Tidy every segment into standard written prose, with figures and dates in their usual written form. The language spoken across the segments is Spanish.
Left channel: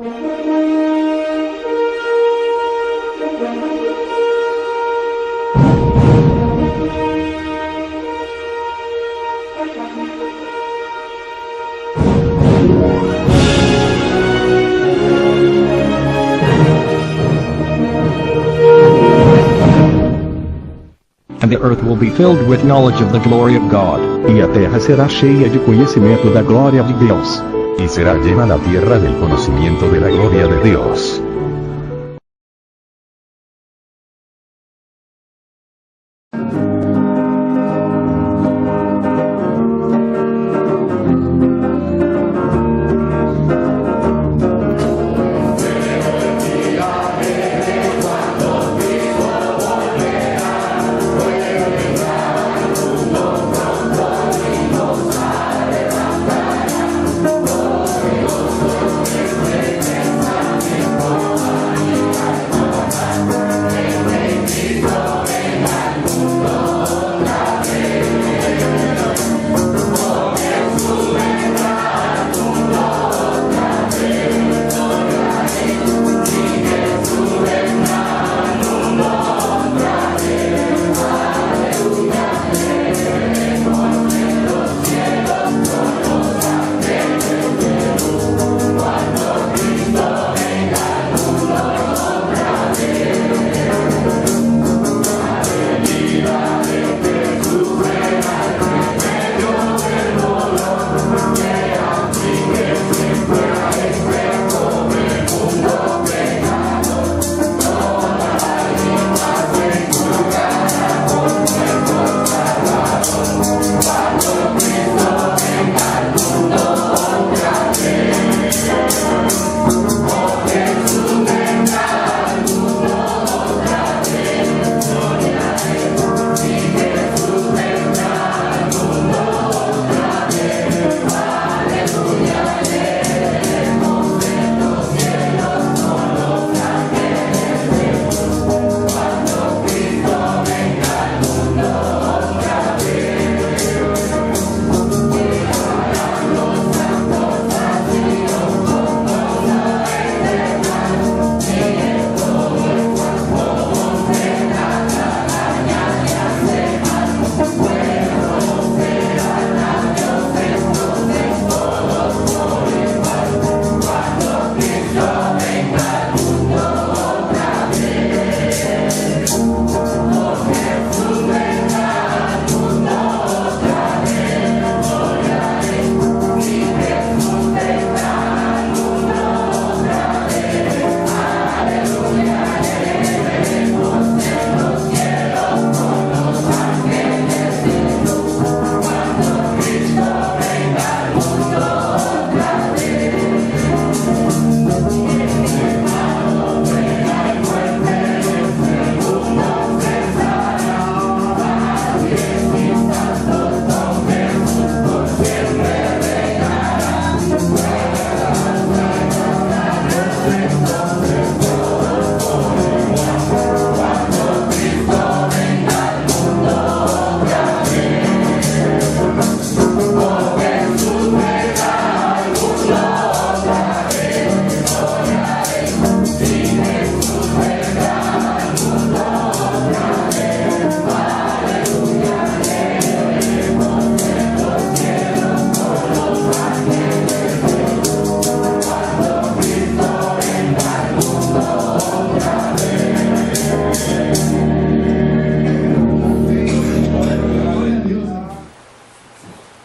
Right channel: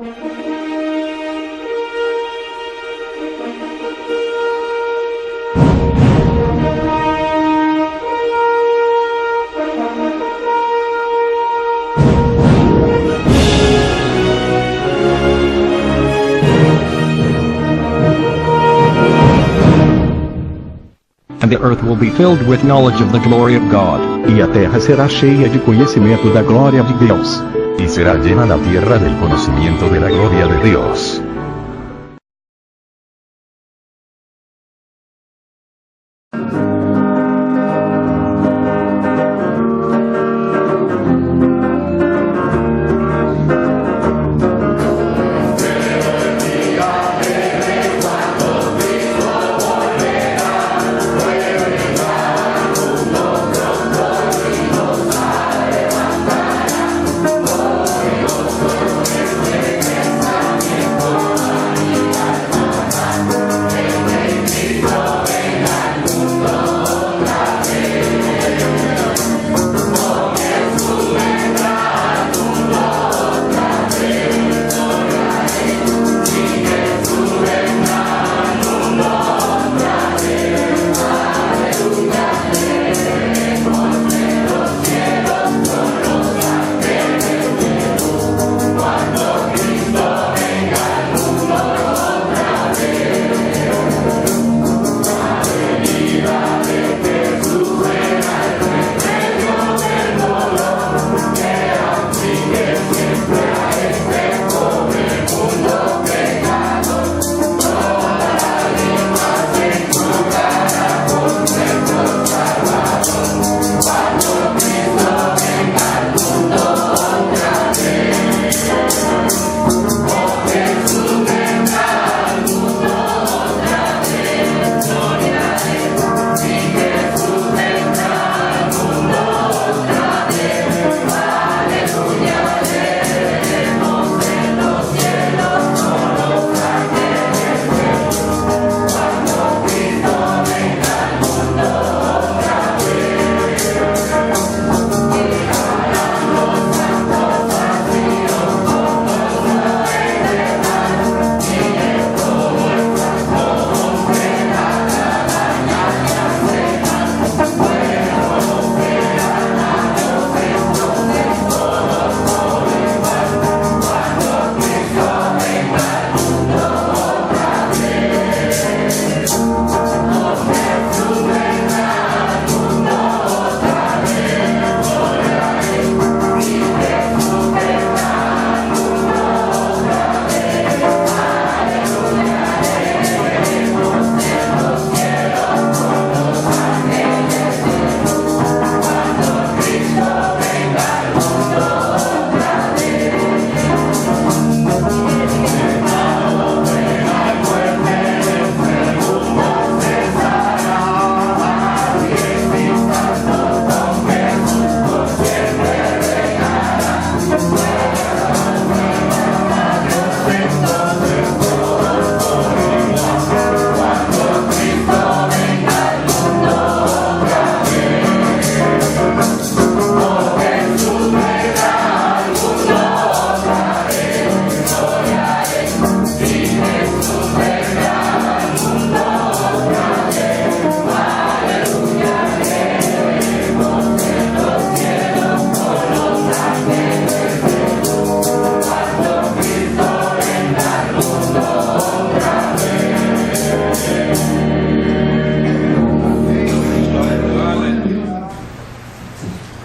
And the earth will be filled with knowledge of the glory of God. E a terra será cheia de conhecimento da glória de Deus. Y será llena la tierra del conocimiento de la gloria de Dios.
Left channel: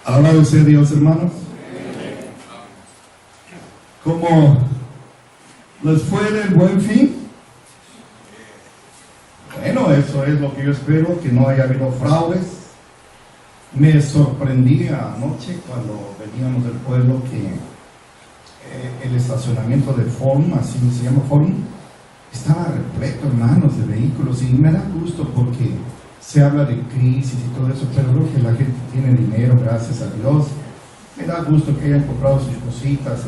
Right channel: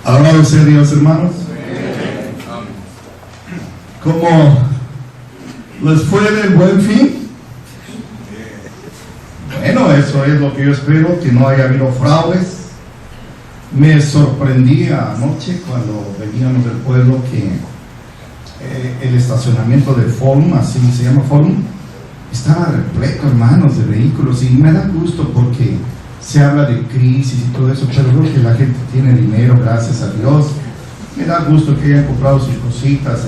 Alabado sea Dios, hermanos. ¿Cómo les fue del Buen Fin? Bueno, eso es lo que yo espero, que no haya habido fraudes. Me sorprendía anoche cuando veníamos del pueblo que el estacionamiento de Forum, así se llama Forum, estaba repleto, hermanos, de vehículos, y me da gusto porque se habla de crisis y todo eso, pero creo que la gente tiene dinero, gracias a Dios. Me da gusto que hayan comprado sus cositas.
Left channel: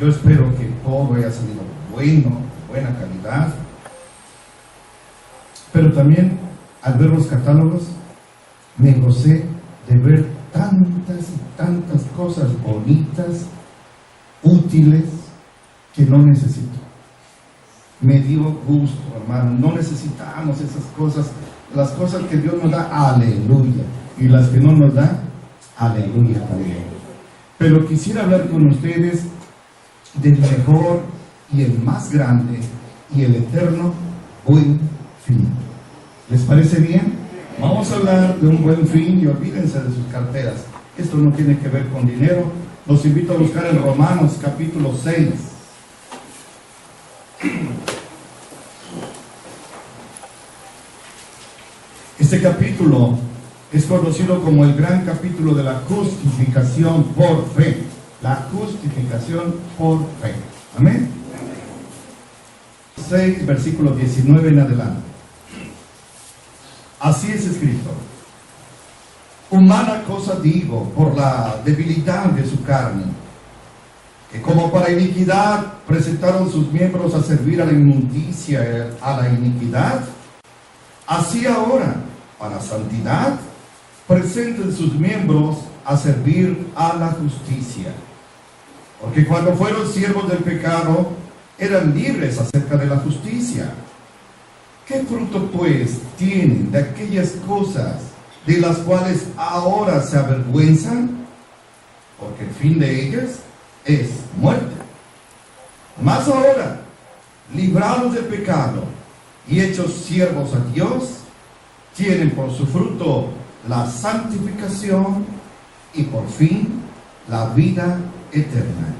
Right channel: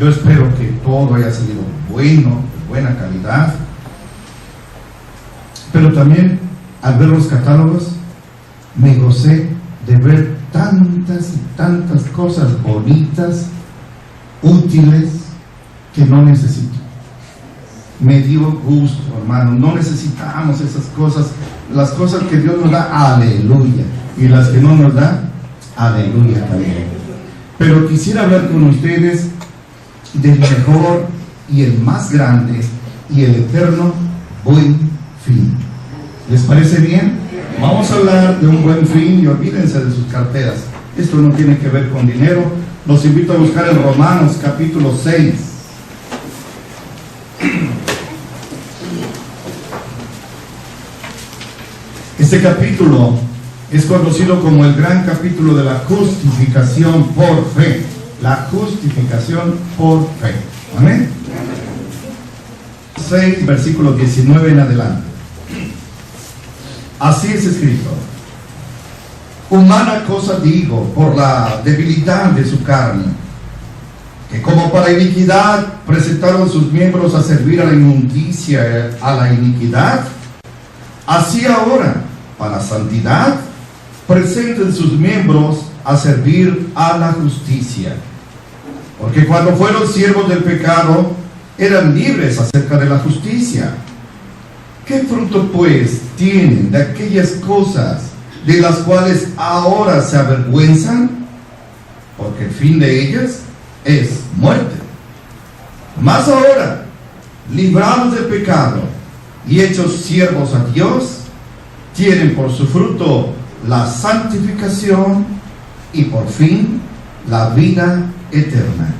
Yo espero que todo haya salido bueno, de buena calidad. Pero también, al ver los catálogos, me gocé de ver tantas y tantas cosas bonitas, útiles, que no necesito. Me dio gusto, hermano. No necesitamos esas cosas. Las cosas que Dios nos da, aleluya. Y las que no nos da, aleluya también. Pero quisiera hablar con ustedes del mejor y el más grande y el eterno buen fin. ¿Les parece bien? Vamos a hablar de un buen fin y olvídense de sus carteras. Esto no tiene que ver con dinero. Los invito a buscar en Romanos capítulo 6. Este capítulo es conocido como el gran capítulo de la justificación por fe. La justificación por fe. Amén. 6, versículo 19 en adelante. Así es escrito: humana cosa digo por la debilidad de su carne, que como para iniquidad presentaron sus miembros a servir a la inmundicia, a la iniquidad, así ahora para santidad presenten sus miembros a servir a la justicia. Porque cuando fueron siervos del pecado, eran libres acerca de la justicia. ¿Qué fruto pues tienen de aquellas cosas de las cuales ahora se avergüenzan? Porque el fin de ellas es muerte. Mas ahora, librados del pecado y hechos siervos a Dios, tienen por su fruto la santificación y por fin la vida eterna.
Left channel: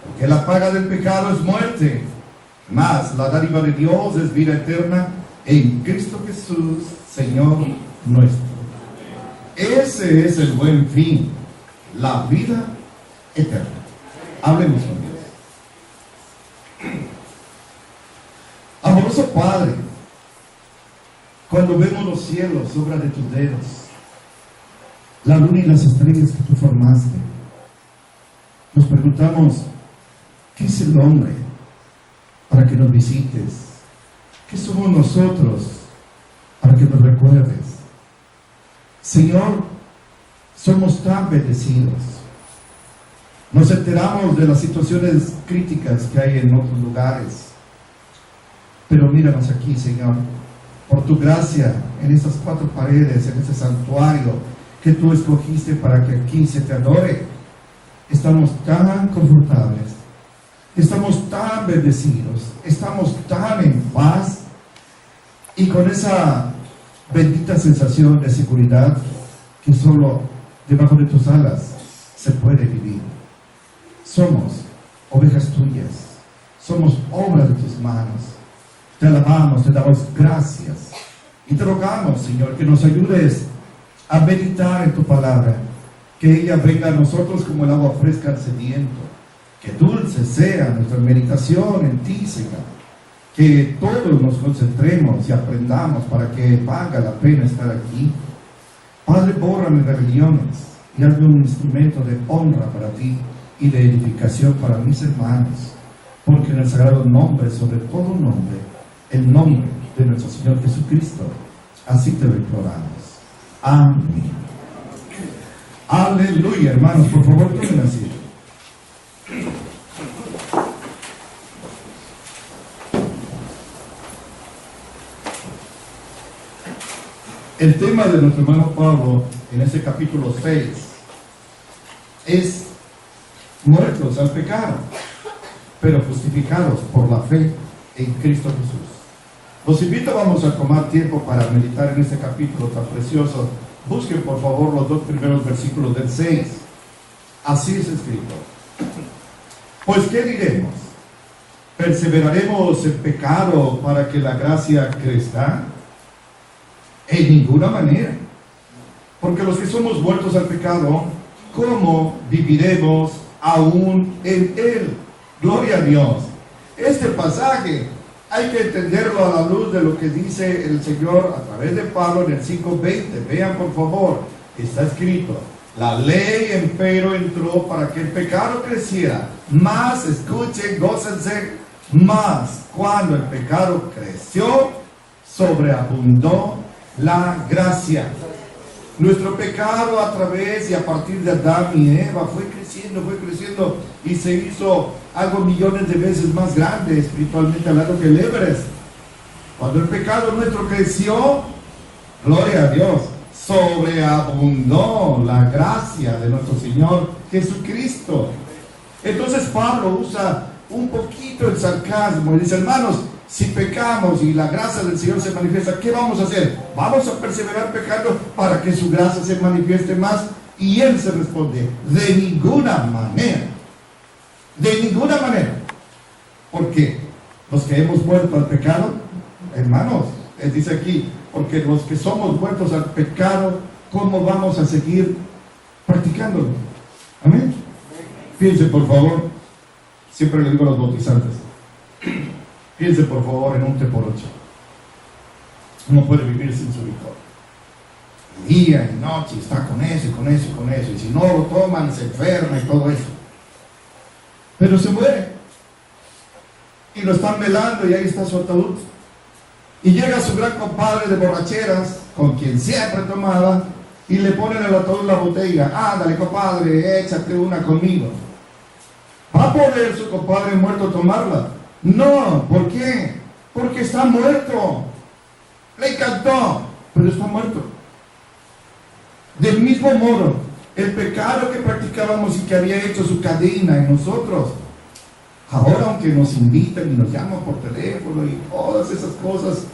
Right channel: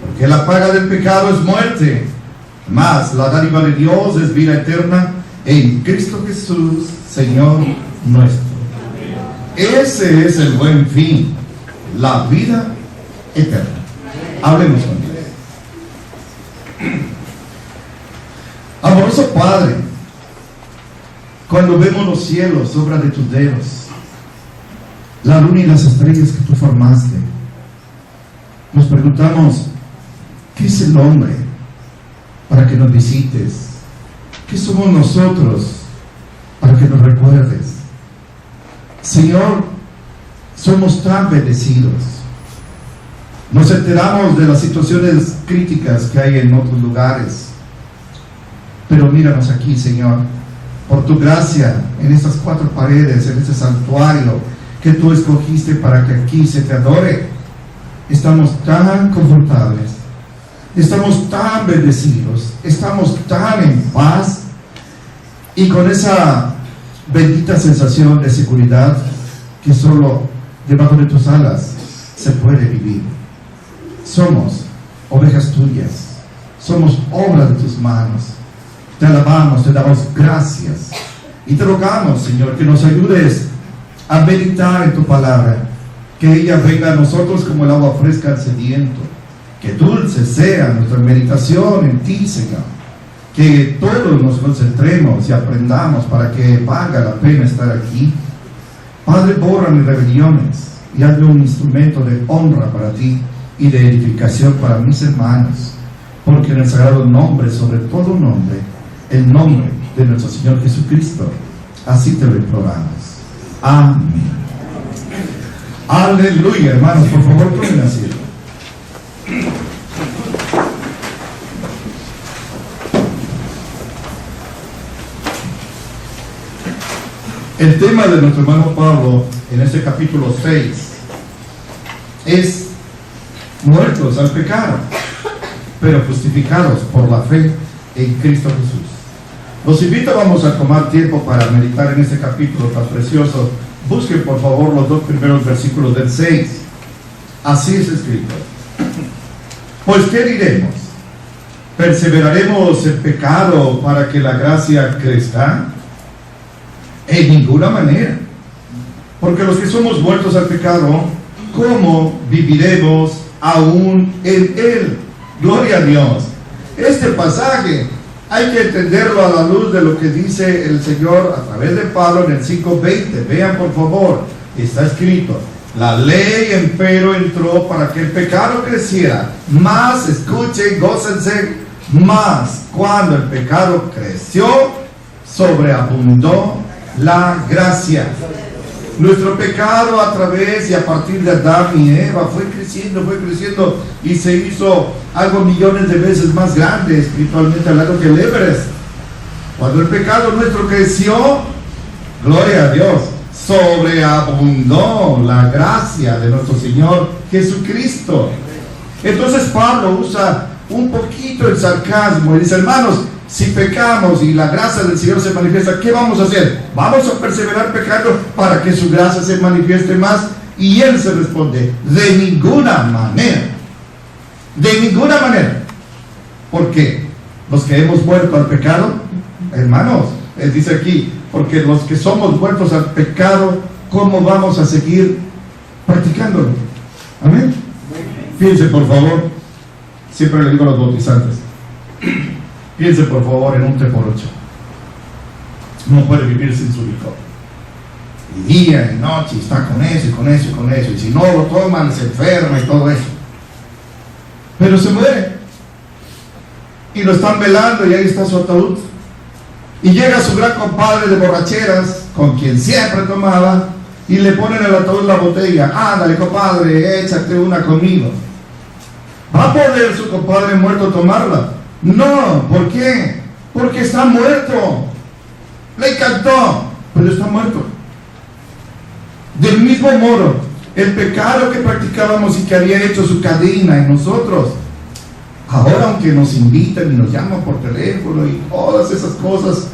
Porque la paga del pecado es muerte, mas la dádiva de Dios es vida eterna en Cristo Jesús, Señor nuestro. Ese es el buen fin, la vida eterna. Hablemos con Dios. Amoroso Padre, cuando vemos los cielos, obra de tus dedos, la luna y las estrellas que tú formaste, nos preguntamos: ¿qué es el hombre para que nos visites? ¿Qué somos nosotros para que nos recuerdes? Señor, somos tan bendecidos. Nos enteramos de las situaciones críticas que hay en otros lugares, pero míranos aquí, Señor, por tu gracia, en estas 4 paredes, en este santuario que tú escogiste para que aquí se te adore. Estamos tan confortables, estamos tan bendecidos, estamos tan en paz y con esa bendita sensación de seguridad que solo debajo de tus alas se puede vivir. Somos ovejas tuyas, somos obra de tus manos. Te alabamos, te damos gracias y te rogamos, Señor, que nos ayudes a meditar en tu palabra, que ella venga a nosotros como el agua fresca al sediento, que dulce sea nuestra meditación en ti, Señor, que todos nos concentremos y aprendamos para que valga la pena estar aquí. Padre, borra mis rebeliones y hazme un instrumento de honra para ti y de edificación para mis hermanos, porque en el sagrado nombre, sobre todo nombre, el nombre de nuestro Señor Jesucristo, así te lo imploramos. Amén. Aleluya, hermanos, por favor, tomen asiento. El tema de nuestro hermano Pablo en este capítulo 6 es muertos al pecado, pero justificados por la fe en Cristo Jesús. Los invito, vamos a tomar tiempo para meditar en este capítulo tan precioso. Busquen por favor los 2 primeros versículos del 6. Así es escrito: pues ¿qué diremos? ¿Perseveraremos en pecado para que la gracia crezca? En ninguna manera. Porque los que somos muertos al pecado, ¿cómo viviremos aún en él? Gloria a Dios. Este pasaje hay que entenderlo a la luz de lo que dice el Señor a través de Pablo en el 5:20. Vean por favor, está escrito: la ley empero entró para que el pecado creciera, mas, escuchen, gócense, mas cuando el pecado creció, sobreabundó la gracia. Nuestro pecado a través y a partir de Adán y Eva fue creciendo y se hizo algo millones de veces más grande espiritualmente hablando que el Everest. Cuando el pecado nuestro creció, gloria a Dios, sobreabundó la gracia de nuestro Señor Jesucristo. Entonces Pablo usa un poquito el sarcasmo y dice: hermanos, si pecamos y la gracia del Señor se manifiesta, ¿qué vamos a hacer? ¿Vamos a perseverar pecando para que su gracia se manifieste más? Y él se responde: de ninguna manera. De ninguna manera. ¿Por qué? Los que hemos muerto al pecado, hermanos, él dice aquí, porque los que somos muertos al pecado, ¿cómo vamos a seguir practicándolo? Amén. Piense por favor, siempre le digo a los bautizantes, piense por favor en un 3x8. No puede vivir sin su licor. Y día y noche está con eso y con eso y con eso. Y si no lo toman, se enferma y todo eso. Pero se muere. Y lo están velando y ahí está su ataúd. Y llega su gran compadre de borracheras, con quien siempre tomaba, y le ponen en el ataúd la botella. Ándale, compadre, échate una conmigo. ¿Va a poder su compadre muerto tomarla? No, ¿por qué? Porque está muerto. Le encantó, pero está muerto. Del mismo modo, el pecado que practicábamos y que había hecho su cadena en nosotros, ahora aunque nos invitan y nos llaman por teléfono y todas esas cosas,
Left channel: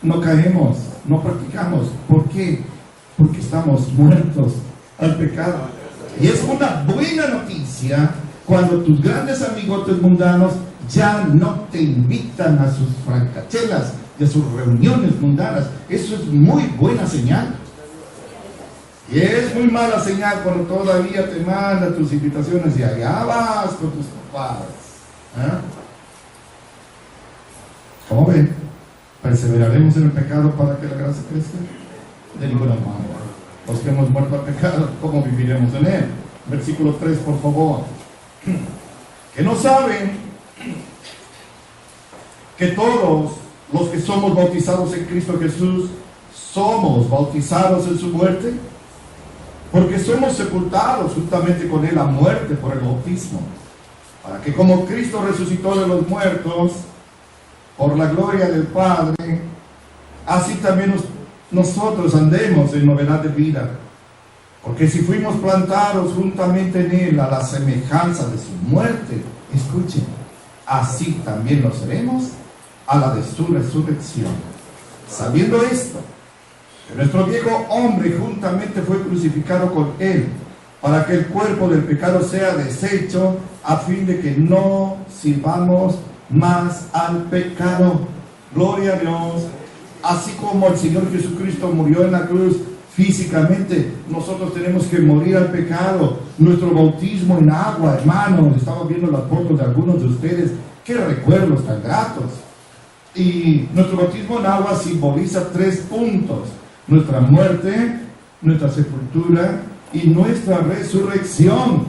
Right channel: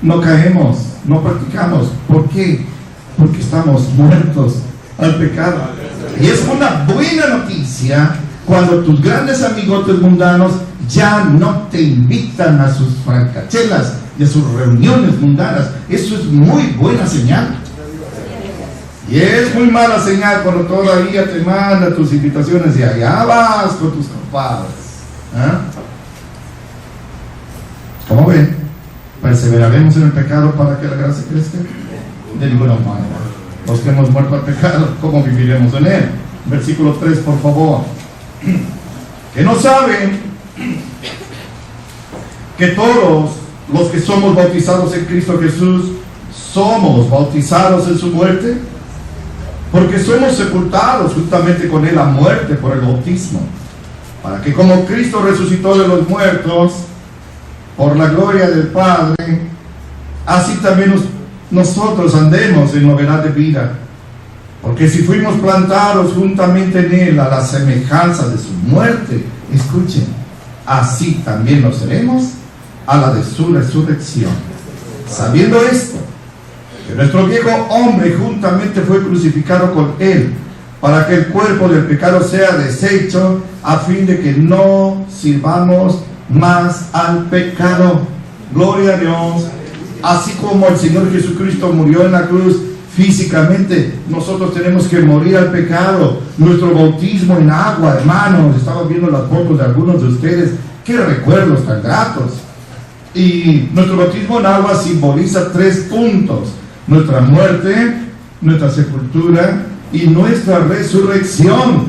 no caemos, no practicamos. ¿Por qué? Porque estamos muertos al pecado. Y es una buena noticia cuando tus grandes amigotes mundanos ya no te invitan a sus francachelas y a sus reuniones mundanas. Eso es muy buena señal. Y es muy mala señal cuando todavía te manda tus invitaciones y allá vas con tus compadres. ¿Ah? ¿Cómo ven? ¿Perseveraremos en el pecado para que la gracia crezca? De ninguna manera. Los que hemos muerto al pecado, ¿cómo viviremos en él? Versículo 3, por favor. Que no saben que todos los que somos bautizados en Cristo Jesús somos bautizados en su muerte, porque somos sepultados juntamente con él a muerte por el bautismo, para que como Cristo resucitó de los muertos por la gloria del Padre, así también nosotros andemos en novedad de vida. Porque si fuimos plantados juntamente en él a la semejanza de su muerte, escuchen, así también lo seremos a la de su resurrección. Sabiendo esto, que nuestro viejo hombre juntamente fue crucificado con él, para que el cuerpo del pecado sea deshecho, a fin de que no sirvamos más al pecado. Gloria a Dios. Así como el Señor Jesucristo murió en la cruz físicamente, nosotros tenemos que morir al pecado. Nuestro bautismo en agua, hermanos, estaba viendo las fotos de algunos de ustedes, qué recuerdos tan gratos. Y nuestro bautismo en agua simboliza 3 puntos: nuestra muerte, nuestra sepultura y nuestra resurrección.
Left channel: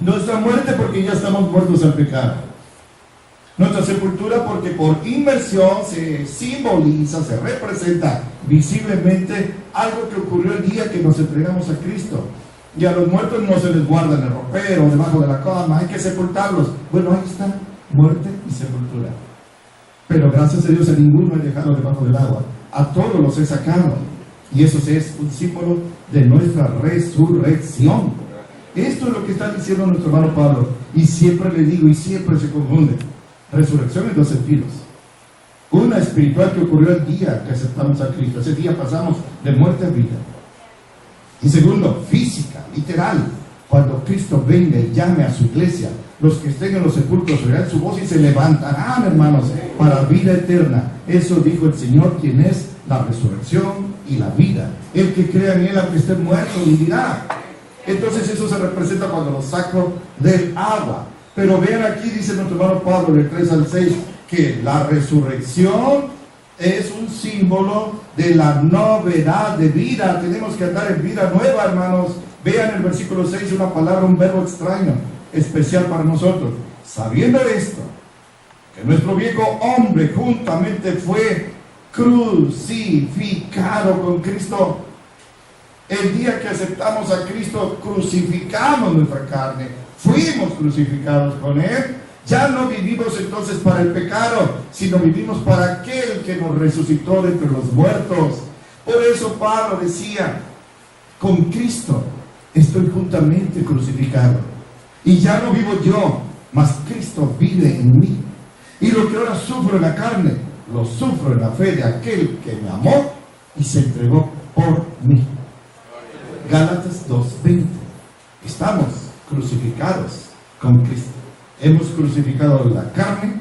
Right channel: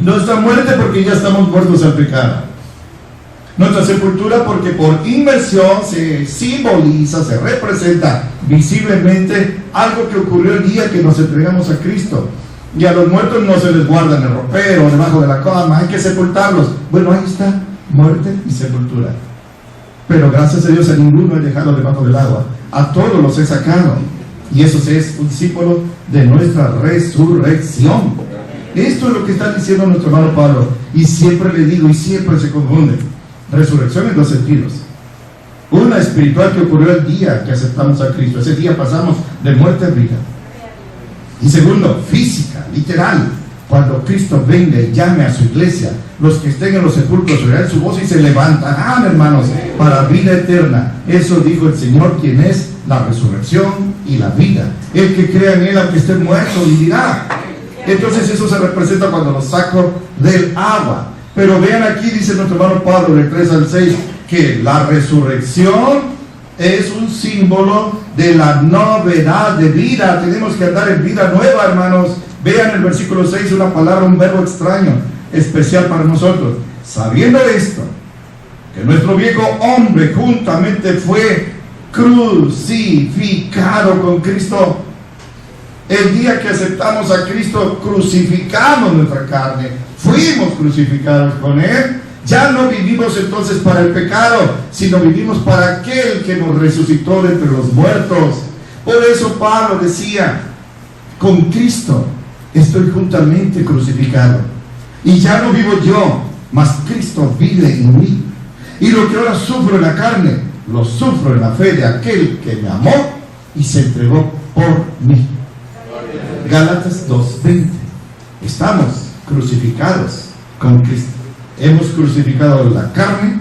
Nuestra muerte porque ya estamos muertos al pecado. Nuestra sepultura porque por inmersión se simboliza, se representa visiblemente algo que ocurrió el día que nos entregamos a Cristo. Y a los muertos no se les guarda en el ropero, debajo de la cama, hay que sepultarlos. Bueno, ahí está, muerte y sepultura. Pero gracias a Dios a ninguno he dejado debajo del agua, a todos los he sacado. Y eso es un símbolo de nuestra resurrección. Esto es lo que está diciendo nuestro hermano Pablo. Y siempre le digo, y siempre se confunde. Resurrección en 2 sentidos. Una espiritual que ocurrió el día que aceptamos a Cristo. Ese día pasamos de muerte a vida. Y segundo, física, literal. Cuando Cristo venga y llame a su iglesia, los que estén en los sepulcros oirán su voz y se levantarán, hermanos, para vida eterna. Eso dijo el Señor, quien es la resurrección y la vida. El que crea en él, aunque esté muerto, vivirá. Entonces eso se representa cuando lo saco del agua. Pero vean aquí, dice nuestro hermano Pablo, del 3 al 6, que la resurrección es un símbolo de la novedad de vida. Tenemos que andar en vida nueva, hermanos. Vean el versículo 6, una palabra, un verbo extraño, especial para nosotros. Sabiendo esto, que nuestro viejo hombre juntamente fue crucificado con Cristo. El día que aceptamos a Cristo, crucificamos nuestra carne, fuimos crucificados con Él. Ya no vivimos entonces para el pecado, sino vivimos para aquel que nos resucitó de entre los muertos. Por eso Pablo decía, con Cristo estoy juntamente crucificado, y ya no vivo yo, mas Cristo vive en mí. Y lo que ahora sufro en la carne, lo sufro en la fe de aquel que me amó y se entregó por mí. Gálatas 2:20. Estamos crucificados con Cristo. Hemos crucificado la carne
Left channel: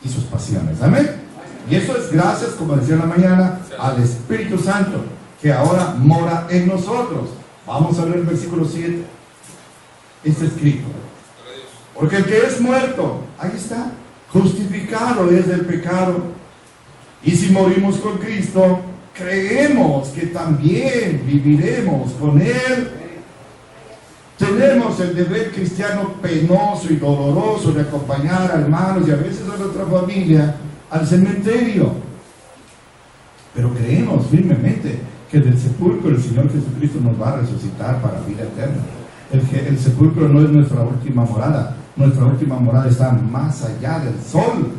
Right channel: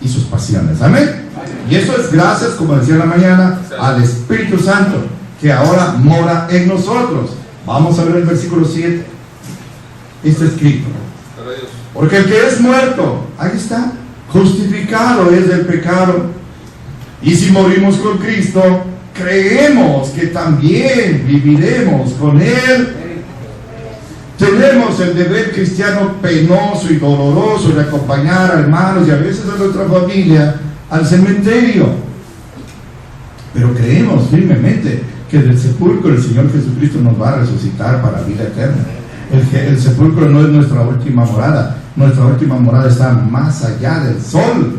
y sus pasiones. Amén. Y eso es gracias, como decía en la mañana, al Espíritu Santo, que ahora mora en nosotros. Vamos a ver el versículo 7. Está escrito: porque el que es muerto, ahí está, justificado es del pecado. Y si morimos con Cristo, creemos que también viviremos con Él. Tenemos el deber cristiano penoso y doloroso de acompañar a hermanos y a veces a nuestra familia al cementerio. Pero creemos firmemente que del sepulcro el Señor Jesucristo nos va a resucitar para vida eterna. El sepulcro no es nuestra última morada. Nuestra última morada está más allá del sol.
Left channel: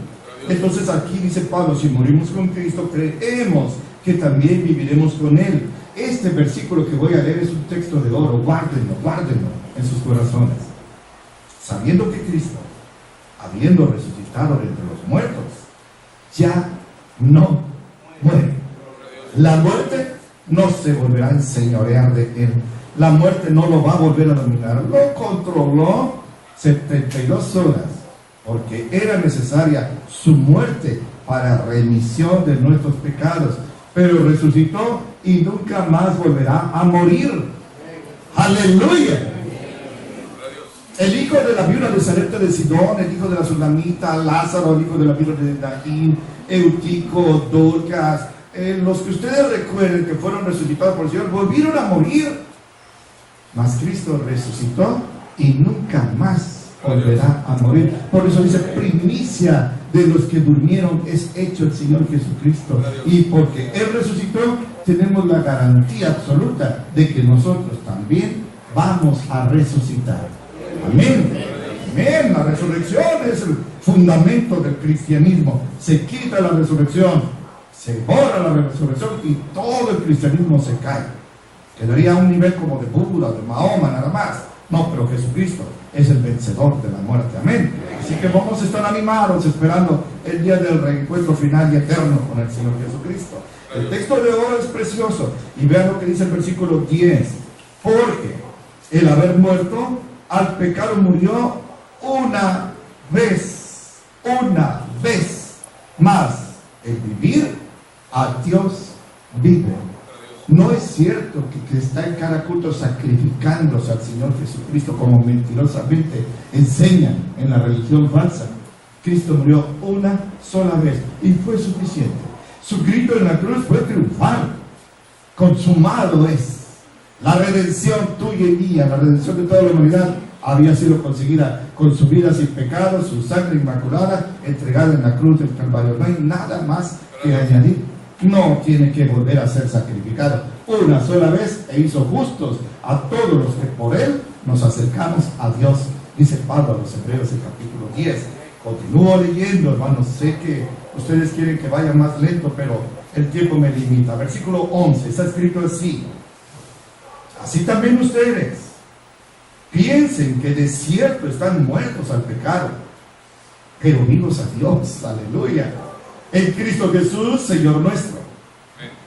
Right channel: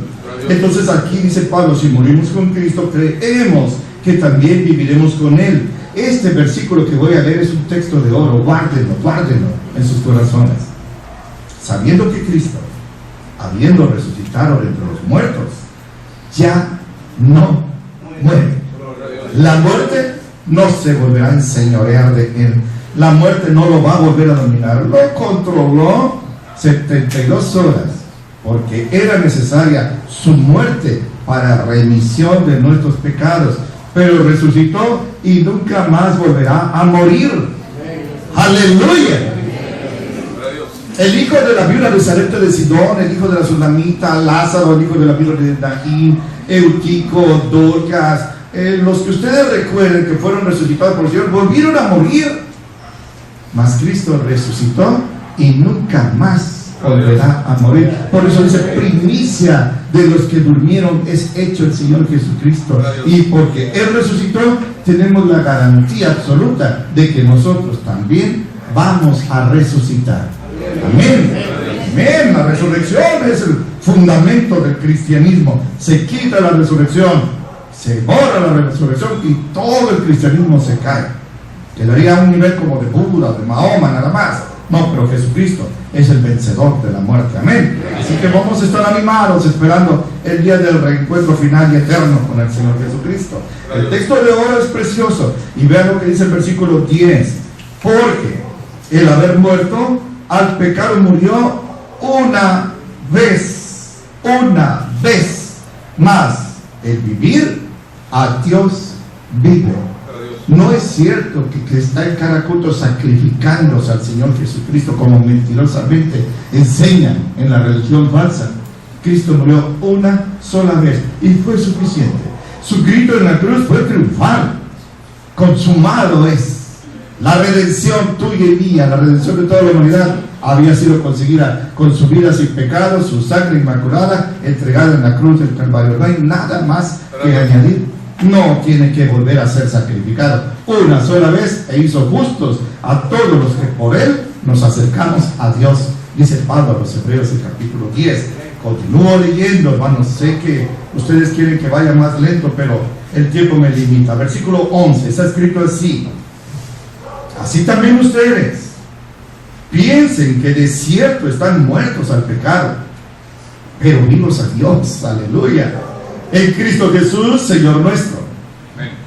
Entonces aquí dice Pablo, si morimos con Cristo, creemos que también viviremos con Él. Este versículo que voy a leer es un texto de oro. Guárdenlo en sus corazones. Sabiendo que Cristo, habiendo resucitado de entre los muertos, ya no muere. La muerte no se volverá a enseñorear de Él. La muerte no lo va a volver a dominar. Lo controló 72 horas, porque era necesaria su muerte para remisión de nuestros pecados. Pero resucitó y nunca más volverá a morir. ¡Aleluya! El hijo de la viuda de Sarepta de Sidón, el hijo de la Sunamita, Lázaro, el hijo de la viuda de Naín, Eutico, Dorcas, los que ustedes recuerden que fueron resucitados por el Señor, volvieron a morir. Mas Cristo resucitó y nunca más volverá a morir. Por eso dice, primicia de los que durmieron es hecho el Señor Jesucristo. Y porque Él resucitó, tenemos la garantía absoluta de que nosotros también vamos a resucitar. Amén. Amén. La resurrección es el fundamento del cristianismo. Se quita la resurrección, se borra la resurrección y todo el cristianismo se cae. Quedaría a un nivel como de Buda, de Mahoma, nada más. No, pero Jesucristo es el vencedor de la muerte. Amén. Así que vamos a estar animados esperando el día del reencuentro final y eterno con el Señor Jesucristo. El texto de oro es precioso. Y vean lo que dice el versículo 10. Porque el haber muerto al pecado murió una vez más. El vivir a Dios vive. No es cierto que está en cada culto sacrificándose al Señor Jesucristo como mentirosamente enseñan en la religión falsa. Cristo murió una sola vez y fue suficiente. Su grito en la cruz fue triunfal. Consumado es. La redención tuya y mía, la redención de toda la humanidad había sido conseguida con su vida sin pecado, su sangre inmaculada entregada en la cruz del Calvario. No hay nada más que añadir. No tiene que volver a ser sacrificado. Una sola vez e hizo justos a todos los que por Él nos acercamos a Dios. Dice Pablo a los Hebreos, el capítulo 10. Continúo leyendo, hermanos. Sé que ustedes quieren que vaya más lento, pero el tiempo me limita. Versículo 11, está escrito así: así también ustedes piensen que de cierto están muertos al pecado, pero vivos a Dios. Aleluya. En Cristo Jesús, Señor nuestro.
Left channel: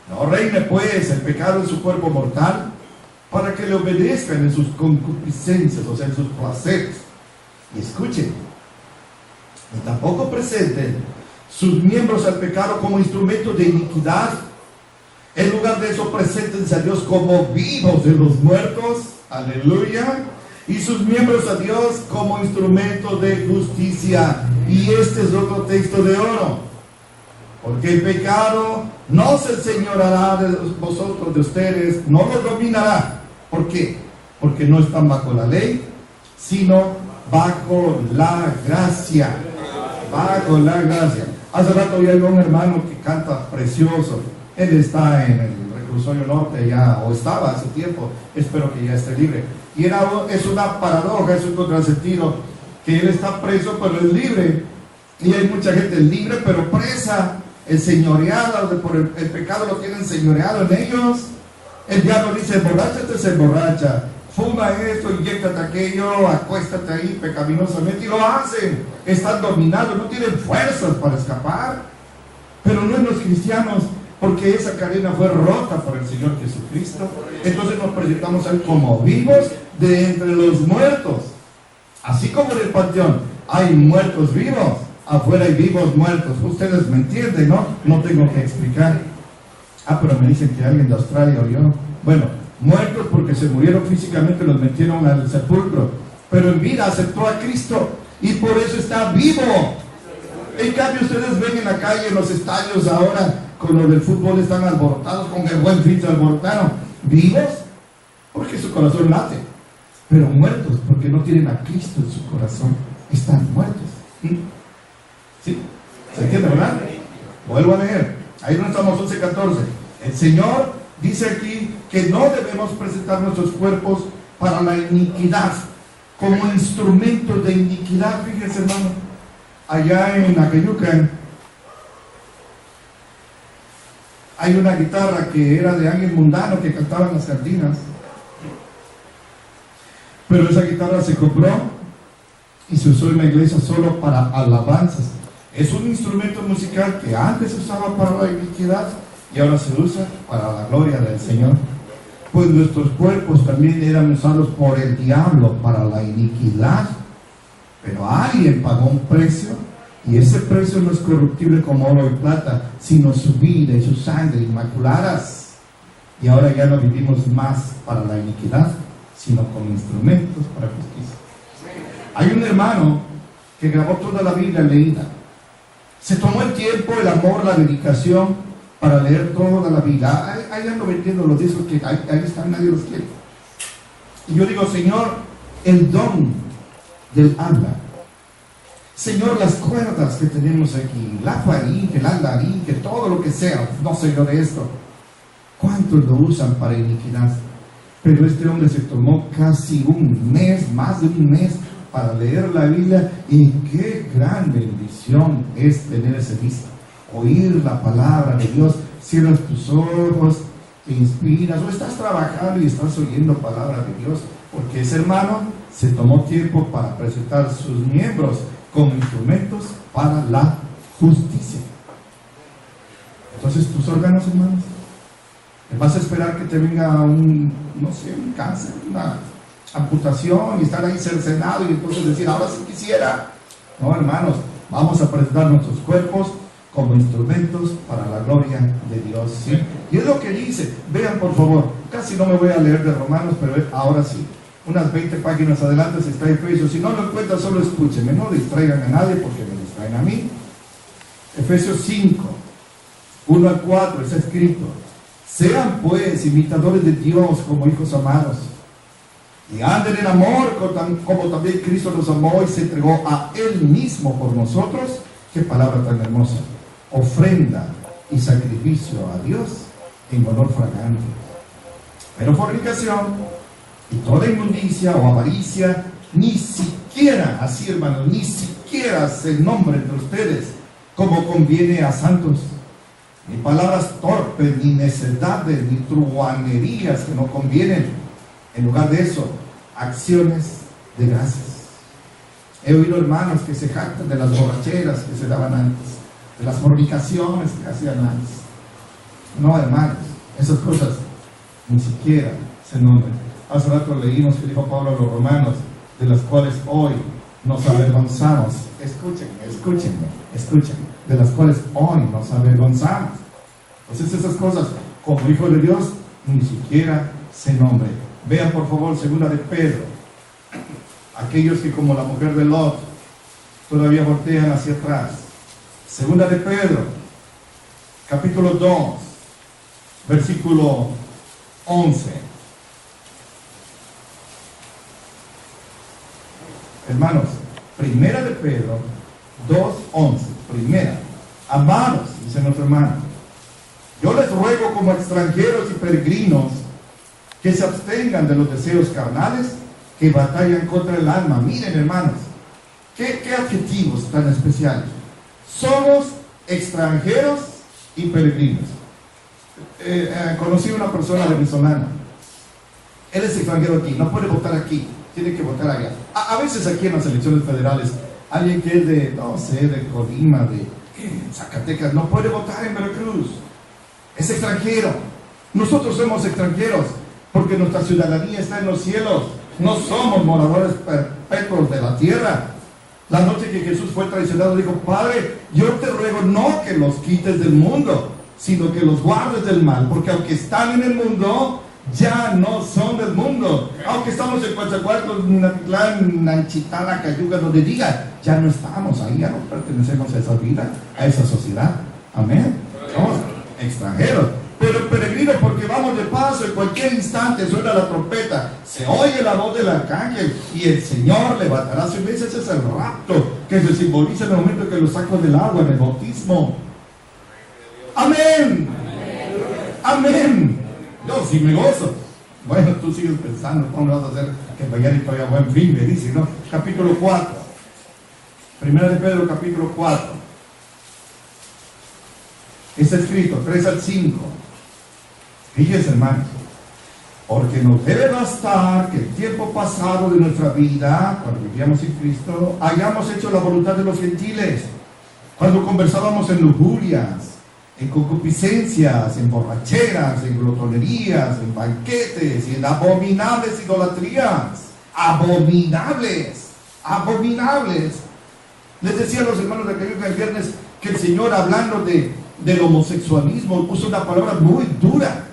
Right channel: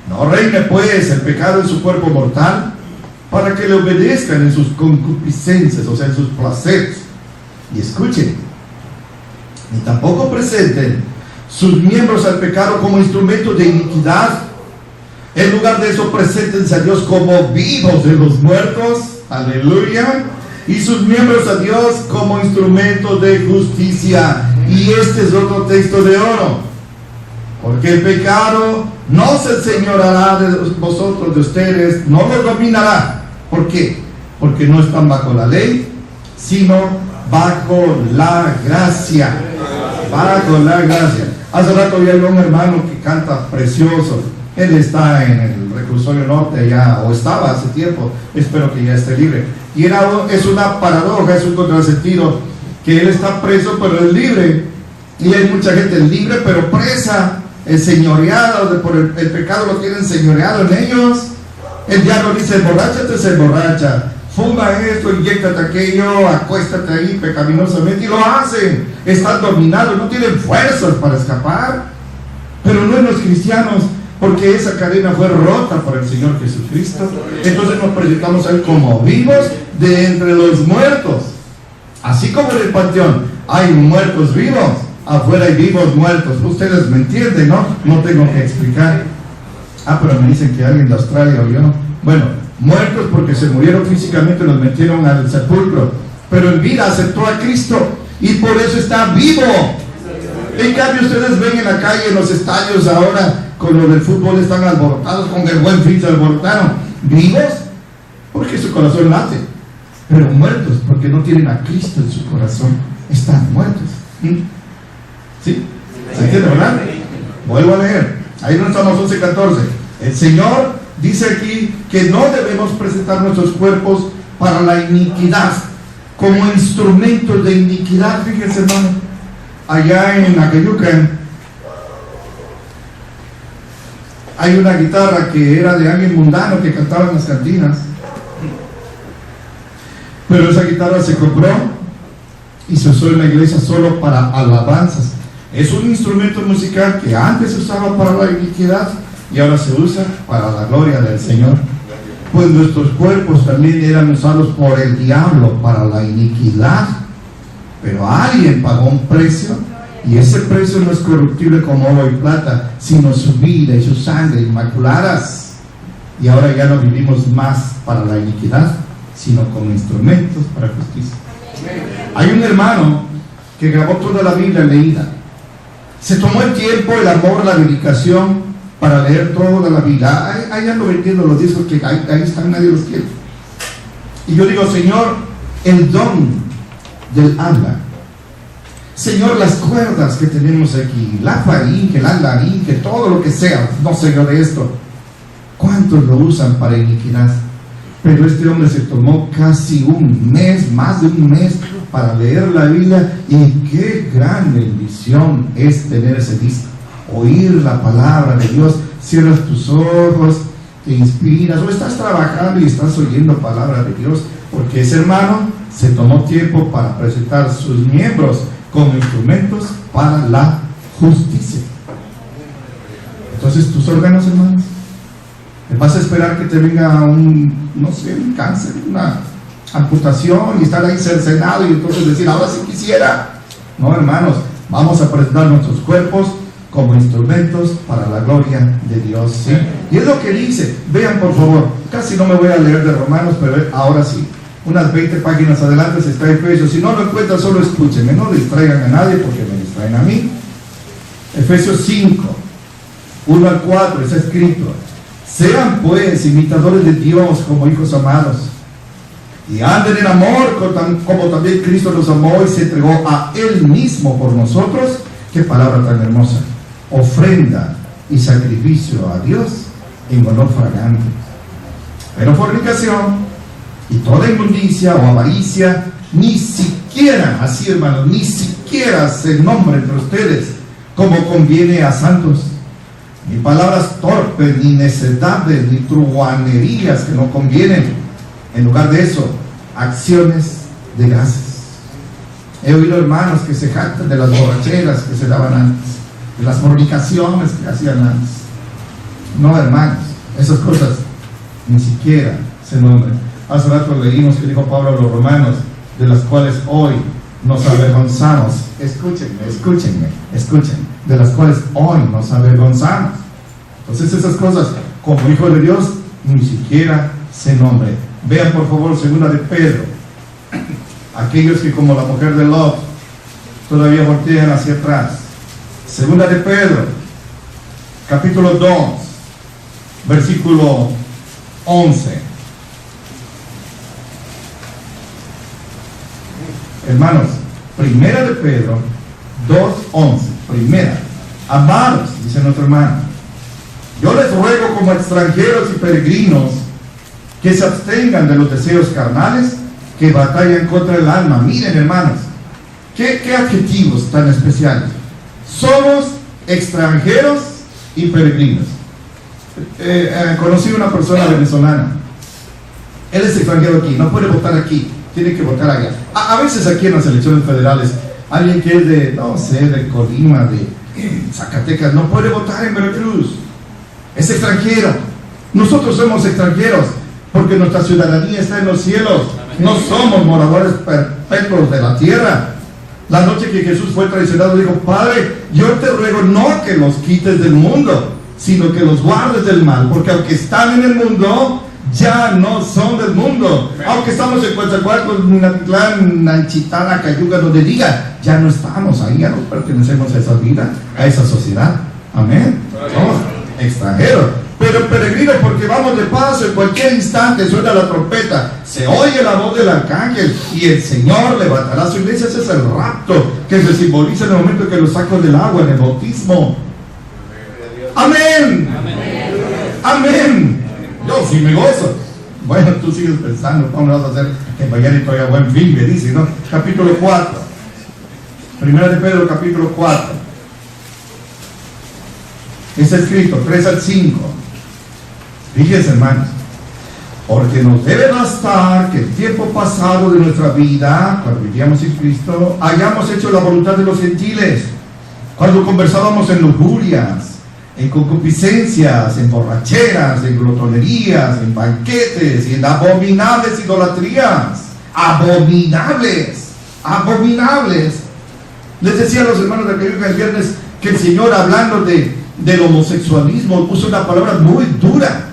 No reine pues el pecado en su cuerpo mortal, para que le obedezcan en sus concupiscencias, o sea, en sus placeres. Y escuchen, ni tampoco presenten sus miembros al pecado como instrumento de iniquidad. En lugar de eso, preséntense a Dios como vivos de los muertos. Aleluya. Y sus miembros a Dios como instrumento de justicia. Y este es otro texto de oro. Porque el pecado no se enseñoreará de vosotros, de ustedes, no lo dominará. ¿Por qué? Porque no están bajo la ley, sino bajo la gracia. Bajo la gracia. Hace rato había un hermano que canta precioso. Él está en el reclusorio norte ya, o estaba hace tiempo, espero que ya esté libre. Y es una paradoja, es un contrasentido, que él está preso pero es libre. Y hay mucha gente libre pero presa, enseñoreada, por el pecado lo tienen enseñoreado en ellos. El diablo dice, emborráchate, se emborracha, fuma esto, inyéctate aquello, acuéstate ahí pecaminosamente, y lo hacen. Están dominados, no tienen fuerzas para escapar. Pero no en los cristianos, porque esa cadena fue rota por el Señor Jesucristo. Entonces nos presentamos a Él como vivos de entre los muertos. Así como en el panteón hay muertos vivos, afuera hay vivos muertos. Ustedes me entienden, ¿no? No tengo que explicar. Pero me dicen que alguien de Australia oyó. Bueno, muertos porque se murieron físicamente, los metieron al sepulcro, pero en vida aceptó a Cristo y por eso está vivo. En cambio ustedes ven en la calle, en los estadios ahora, con lo del fútbol están alborotados, con el buen fin se alborotaron. ¿Vivos? Porque su corazón late. Pero muertos porque no tienen a Cristo en su corazón. Están muertos. ¿Sí? ¿Se entiende, verdad? Vuelvo a leer. Ahí no estamos, 11:14. El Señor dice aquí que no debemos presentar nuestros cuerpos para la iniquidad, como instrumentos de iniquidad. Fíjense, hermano, allá en Acayucan hay una guitarra que era de alguien mundano que cantaba en las cantinas, pero esa guitarra se compró y se usó en la iglesia solo para alabanzas. Es un instrumento musical que antes se usaba para la iniquidad y ahora se usa para la gloria del Señor. Pues nuestros cuerpos también eran usados por el diablo para la iniquidad, pero alguien pagó un precio, y ese precio no es corruptible como oro y plata, sino su vida y su sangre inmaculadas. Y ahora ya no vivimos más para la iniquidad, sino como instrumentos para justicia. Hay un hermano que grabó toda la Biblia leída. Se tomó el tiempo, el amor, la dedicación para leer toda la Biblia. Ahí ando vendiendo los discos que ahí están, nadie los quiere. Y yo digo, Señor, el don del habla. Señor, las cuerdas que tenemos aquí, la faringe, la laringe, todo lo que sea, no sé yo de esto. ¿Cuántos lo usan para iniquidad? Pero este hombre se tomó casi un mes, más de un mes, para leer la Biblia, y qué gran bendición es tener ese disco, oír la palabra de Dios. Cierras tus ojos, te inspiras, o estás trabajando y estás oyendo palabra de Dios, porque ese hermano se tomó tiempo para presentar sus miembros como instrumentos para la justicia. Entonces tus órganos, hermanos, ¿vas a esperar que te venga un cáncer, una amputación y estar ahí cercenado y entonces decir, ahora sí quisiera? No, hermanos, vamos a presentar nuestros cuerpos como instrumentos para la gloria de Dios, ¿sí? Y es lo que dice. Vean, por favor, casi no me voy a leer de Romanos, pero ahora sí, unas 20 páginas adelante se está Efesios. Si no lo encuentran, solo escúchenme, no distraigan a nadie porque me distraen a mí. Efesios 5, 1 al 4, está escrito: sean pues imitadores de Dios como hijos amados, y anden en amor como también Cristo nos amó y se entregó a Él mismo por nosotros. Qué palabra tan hermosa. Ofrenda y sacrificio a Dios en olor fragante. Pero fornicación y toda inmundicia o avaricia, ni siquiera, así hermanos, ni siquiera se nombre entre ustedes como conviene a santos, ni palabras torpes, ni necedades, ni truhanerías que no convienen. En lugar de eso, acciones de gracias. He oído hermanos que se jactan de las borracheras que se daban antes, de las fornicaciones que hacían antes. No, hermanos, esas cosas ni siquiera se nombran. Hace rato leímos que dijo Pablo a los romanos, de las cuales hoy nos avergonzamos. Escúchenme, de las cuales hoy nos avergonzamos. Entonces esas cosas, como hijo de Dios, ni siquiera se nombren. Vean por favor 2 de Pedro. Aquellos que como la mujer de Lot todavía voltean hacia atrás. 2 de Pedro, capítulo 2, versículo 11. Hermanos, 1 de Pedro 2:11, primera. Amados, dice nuestro hermano, yo les ruego como extranjeros y peregrinos que se abstengan de los deseos carnales que batallan contra el alma. Miren, hermanos, qué adjetivos tan especiales. Somos extranjeros y peregrinos. Conocí una persona venezolana. Él es extranjero aquí, no puede votar aquí, tiene que votar allá. A veces aquí en las elecciones federales, alguien que es de, no sé, de Colima, de Zacatecas, no puede votar en Veracruz. Es extranjero. Nosotros somos extranjeros porque nuestra ciudadanía está en los cielos. No somos moradores perpetuos de la tierra. La noche que Jesús fue traicionado, dijo: Padre, yo te ruego no que los quites del mundo, sino que los guardes del mal, porque aunque están en el mundo, ya no son del mundo. Aunque estamos en Coatzacoalcos, Minatitlán, Nanchitana, Cayuga, donde diga, ya no estamos ahí, ya no pertenecemos a esa vida, a esa sociedad. Amén. Somos extranjeros, pero peregrinos, porque vamos de paso. En cualquier instante suena la trompeta, se oye la voz del arcángel y el Señor levantará su iglesia. Ese es el rapto que se simboliza en el momento que lo saco del agua, en el bautismo. Amén. Amén. Yo sí me gozo. Bueno, tú sigues pensando, ¿cómo vas a hacer que mañana y todavía buen fin? Me dice, ¿no? Capítulo 4. Primera de Pedro, capítulo 4. Está escrito 3 al 5. Fíjense, hermanos, porque nos debe bastar que el tiempo pasado de nuestra vida, cuando vivíamos en Cristo, hayamos hecho la voluntad de los gentiles, cuando conversábamos en lujurias, en concupiscencias, en borracheras, en glotonerías, en banquetes y en abominables idolatrías. Abominables, abominables. Les decía a los hermanos de Cayuga el viernes que el Señor, hablando del homosexualismo, puso una palabra muy dura.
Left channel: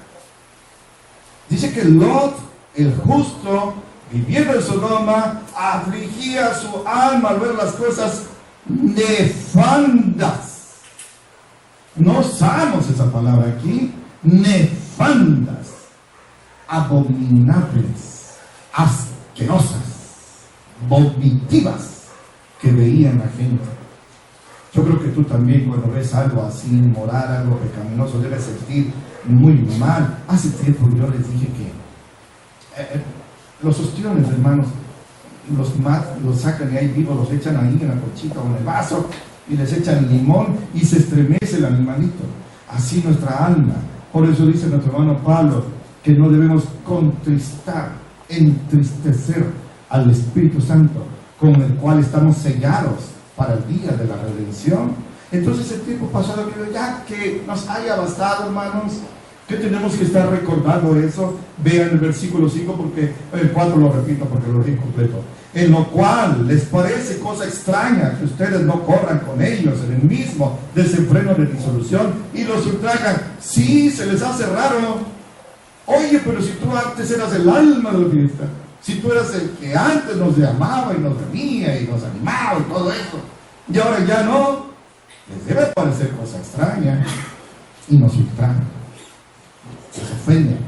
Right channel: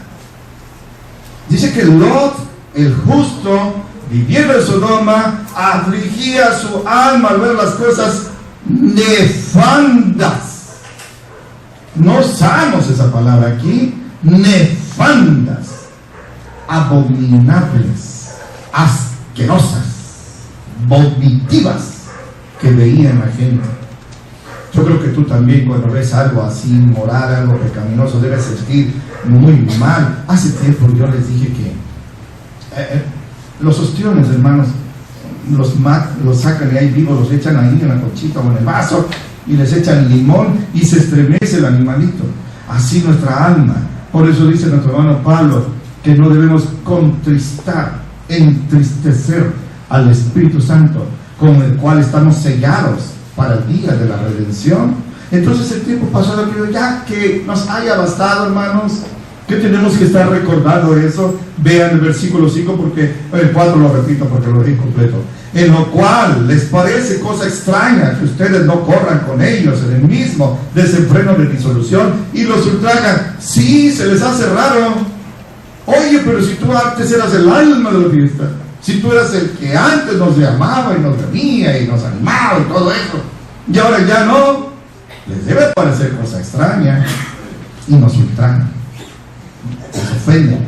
Dice que Lot, el justo, viviendo en Sodoma, afligía su alma al ver las cosas nefandas. No usamos esa palabra aquí. Nefandas, abominables, asquerosas, vomitivas, que veían la gente. Yo creo que tú también, cuando ves algo así inmoral, algo pecaminoso, debes sentir muy mal. Hace tiempo yo les dije que los ostiones, hermanos, los sacan y ahí vivos, los echan ahí en la conchita o en el vaso y les echan limón y se estremece el animalito. Así nuestra alma. Por eso dice nuestro hermano Pablo que no debemos contristar, entristecer al Espíritu Santo, con el cual estamos sellados para el día de la redención. Entonces el tiempo pasado, ya que nos haya bastado, hermanos, que tenemos que estar recordando eso. Vean el versículo 5, porque el 4 lo repito porque lo dije completo. En lo cual les parece cosa extraña que ustedes no corran con ellos en el mismo desenfreno de disolución y los ultrajan. Sí, se les hace raro. Oye, pero si tú antes eras el alma de la fiesta, si tú eras el que antes nos llamaba y nos venía y nos animaba y todo eso, y ahora ya no, les debe parecer cosa extraña y nos ultrajan, nos ofenden.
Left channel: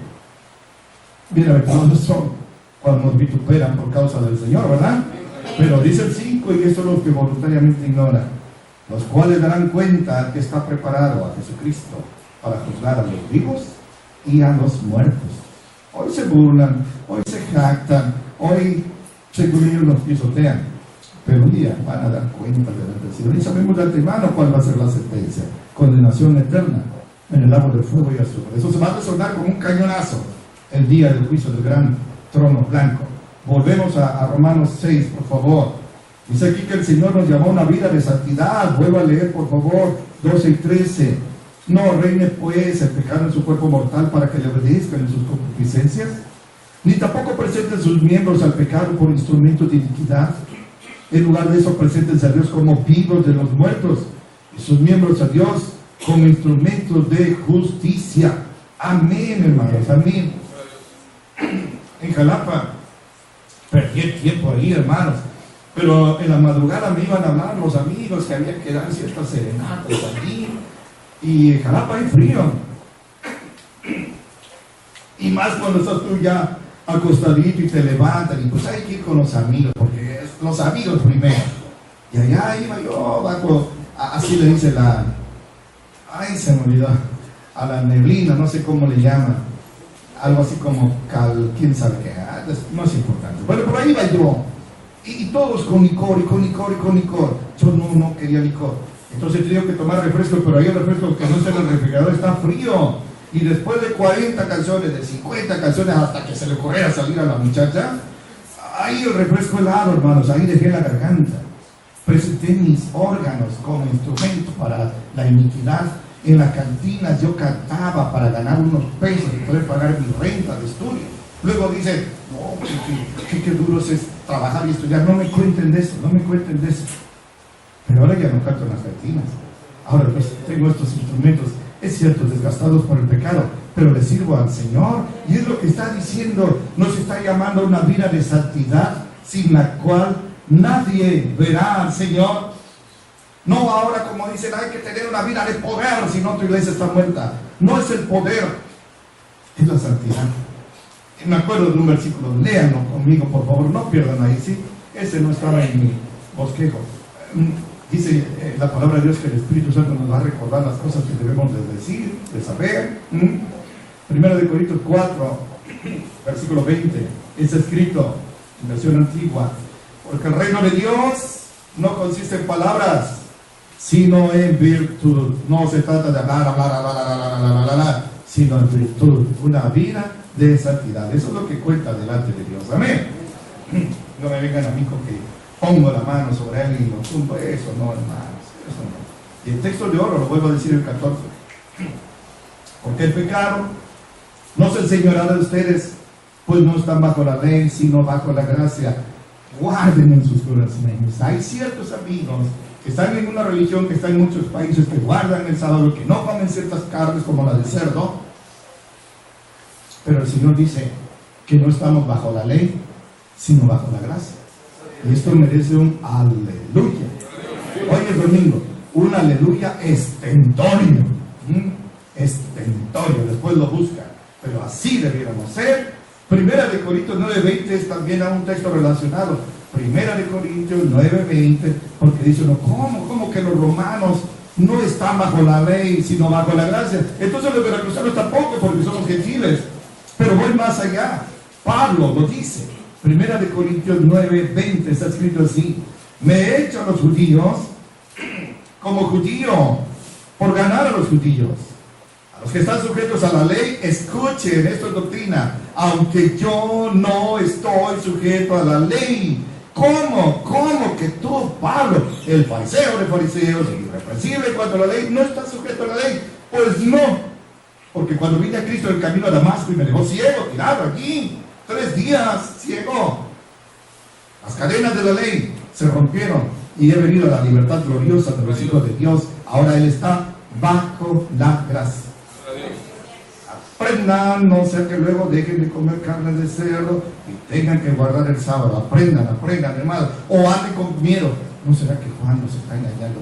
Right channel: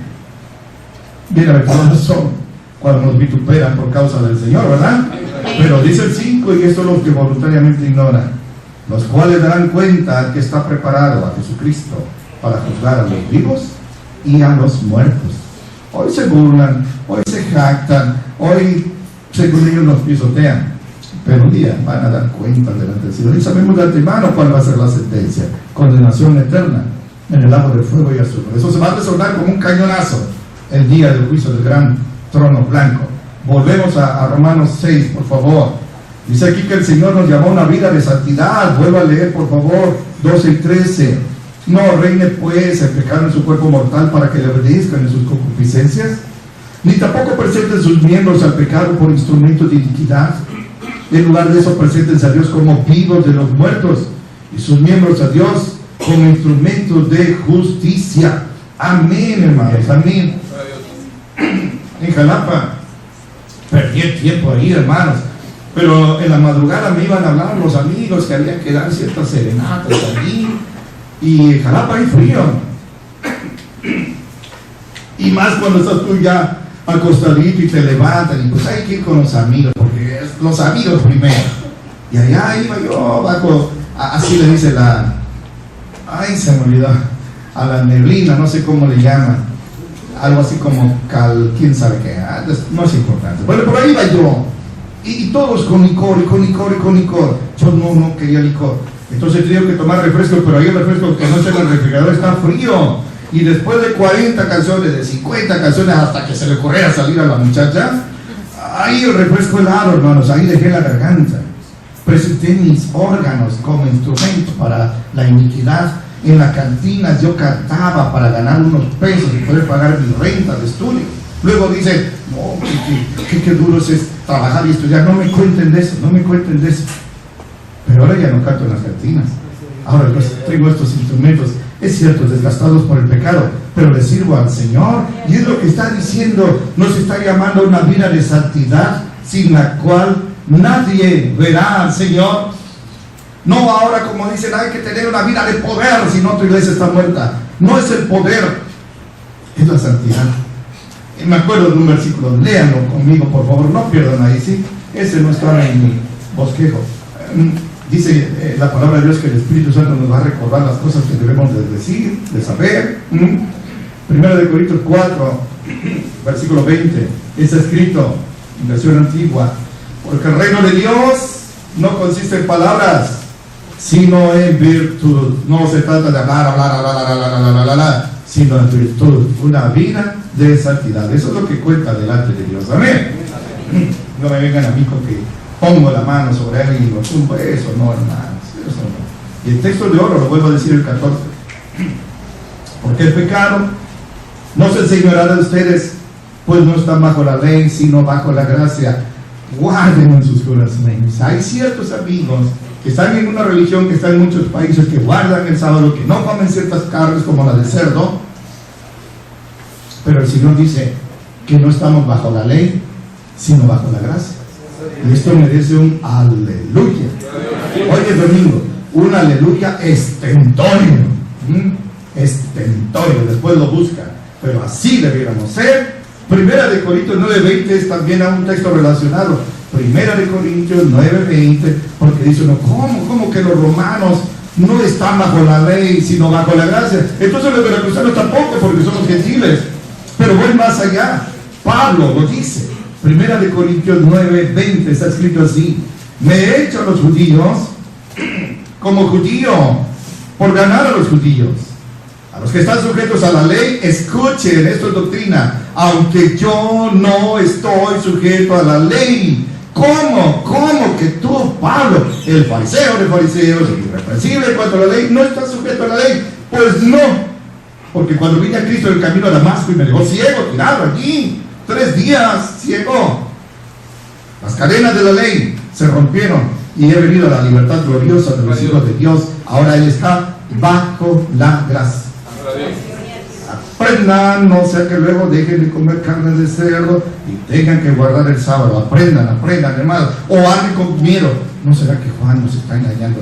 Bienaventurados son cuando nos vituperan por causa del Señor, ¿verdad? Pero dice el 5, y esto es lo que voluntariamente ignoran, los cuales darán cuenta al que está preparado, a Jesucristo, para juzgar a los vivos y a los muertos. Hoy se burlan, hoy se jactan, hoy según ellos nos pisotean, pero un día van a dar cuenta delante del Señor. Y sabemos de antemano cuál va a ser la sentencia: condenación eterna en el lago de fuego y azufre. Eso se va a resonar como un cañonazo el día del juicio del gran trono blanco. Volvemos a Romanos 6, por favor. Dice aquí que el Señor nos llamó a una vida de santidad. Vuelva a leer, por favor, 12 y 13. No reine pues el pecado en su cuerpo mortal para que le obedezcan en sus concupiscencias, ni tampoco presenten sus miembros al pecado por instrumentos de iniquidad. En lugar de eso, preséntense a Dios como vivos de los muertos y sus miembros a Dios como instrumentos de justicia. Amén, hermanos, amén. En Jalapa perdí el tiempo ahí, hermanos, pero en la madrugada me iban a hablar los amigos que había que dar ciertas serenatas allí. Y en Jalapa hay frío, y más cuando estás tú ya acostadito y te levantan, y pues hay que ir con los amigos, porque es los amigos primero. Y allá iba yo bajo, así le dice Ay, se me olvidó. A la neblina, no sé cómo le llaman. Algo así como quién sabe qué. No es importante. Bueno, por ahí iba yo. Y todos con licor. Yo no quería licor. Entonces tenía que tomar refresco, pero ahí el refresco que no está en el refrigerador está frío. Y después de 40 canciones, de 50 canciones, hasta que se le ocurriera salir a la muchacha, ahí el refresco helado, hermanos, ahí dejé la garganta. Presenté mis órganos como instrumento para la iniquidad. En la cantina yo cantaba para ganar unos pesos y poder pagar mi renta de estudio. Luego dice, no, qué duro es trabajar y estudiar. No me cuenten de eso. Pero ahora ya no canto en las cantinas. Ahora yo tengo estos instrumentos, es cierto, desgastados por el pecado, pero le sirvo al Señor. Y es lo que está diciendo, nos está llamando a una vida de santidad, sin la cual nadie verá al Señor. No ahora como dicen, hay que tener una vida de poder, si no tu iglesia está muerta. No es el poder, es la santidad. Y me acuerdo de un versículo, léanlo conmigo por favor, no pierdan ahí, ¿sí? Ese no estaba en mi bosquejo. Dice la palabra de Dios que el Espíritu Santo nos va a recordar las cosas que debemos de decir, de saber. Primera de Corintios 4, versículo 20, está escrito en versión antigua, porque el reino de Dios no consiste en palabras, sino en virtud. No se trata de hablar, sino en virtud, una vida de santidad. Eso es lo que cuenta delante de Dios. Amén. No me vengan a mí con que pongo la mano sobre alguien y lo tumbo. Eso no, hermanos, eso no. Y el texto de oro, lo vuelvo a decir el 14, porque el pecado no se enseñoreará de ustedes, pues no están bajo la ley, sino bajo la gracia. Guarden en sus corazones. Hay ciertos amigos que están en una religión que está en muchos países, que guardan el sábado, que no comen ciertas carnes como la de cerdo, pero el Señor dice que no estamos bajo la ley, sino bajo la gracia. Y esto merece un aleluya. Hoy es domingo, un aleluya estentorio. Estentorio, después lo buscan, pero así debiéramos ser. Primera de Corintios 9:20 es también a un texto relacionado. Primera de Corintios 9:20, porque dice uno, ¿cómo que los romanos no están bajo la ley, sino bajo la gracia? Entonces los veracruzanos tampoco, porque somos gentiles. Pero voy más allá. Pablo lo dice. Primera de Corintios 9:20 está escrito así: me he hecho a los judíos como judío por ganar a los judíos. A los que están sujetos a la ley, escuchen, esto es doctrina, aunque yo no estoy sujeto a la ley. ¿Cómo que tú, Pablo, el fariseo de fariseos, el irreprensible en cuanto a la ley, no estás sujeto a la ley? Pues no, porque cuando vine a Cristo en el camino a Damasco y me dejó ciego, tirado allí, 3 días ciego, las cadenas de la ley se rompieron y he venido a la libertad gloriosa de los hijos de Dios. Ahora Él está bajo la gracia. Aprendan, no sea que luego dejen de comer carne de cerdo y tengan que guardar el sábado. Aprendan, hermanos. O anden con miedo. ¿No será que Juan nos está engañando?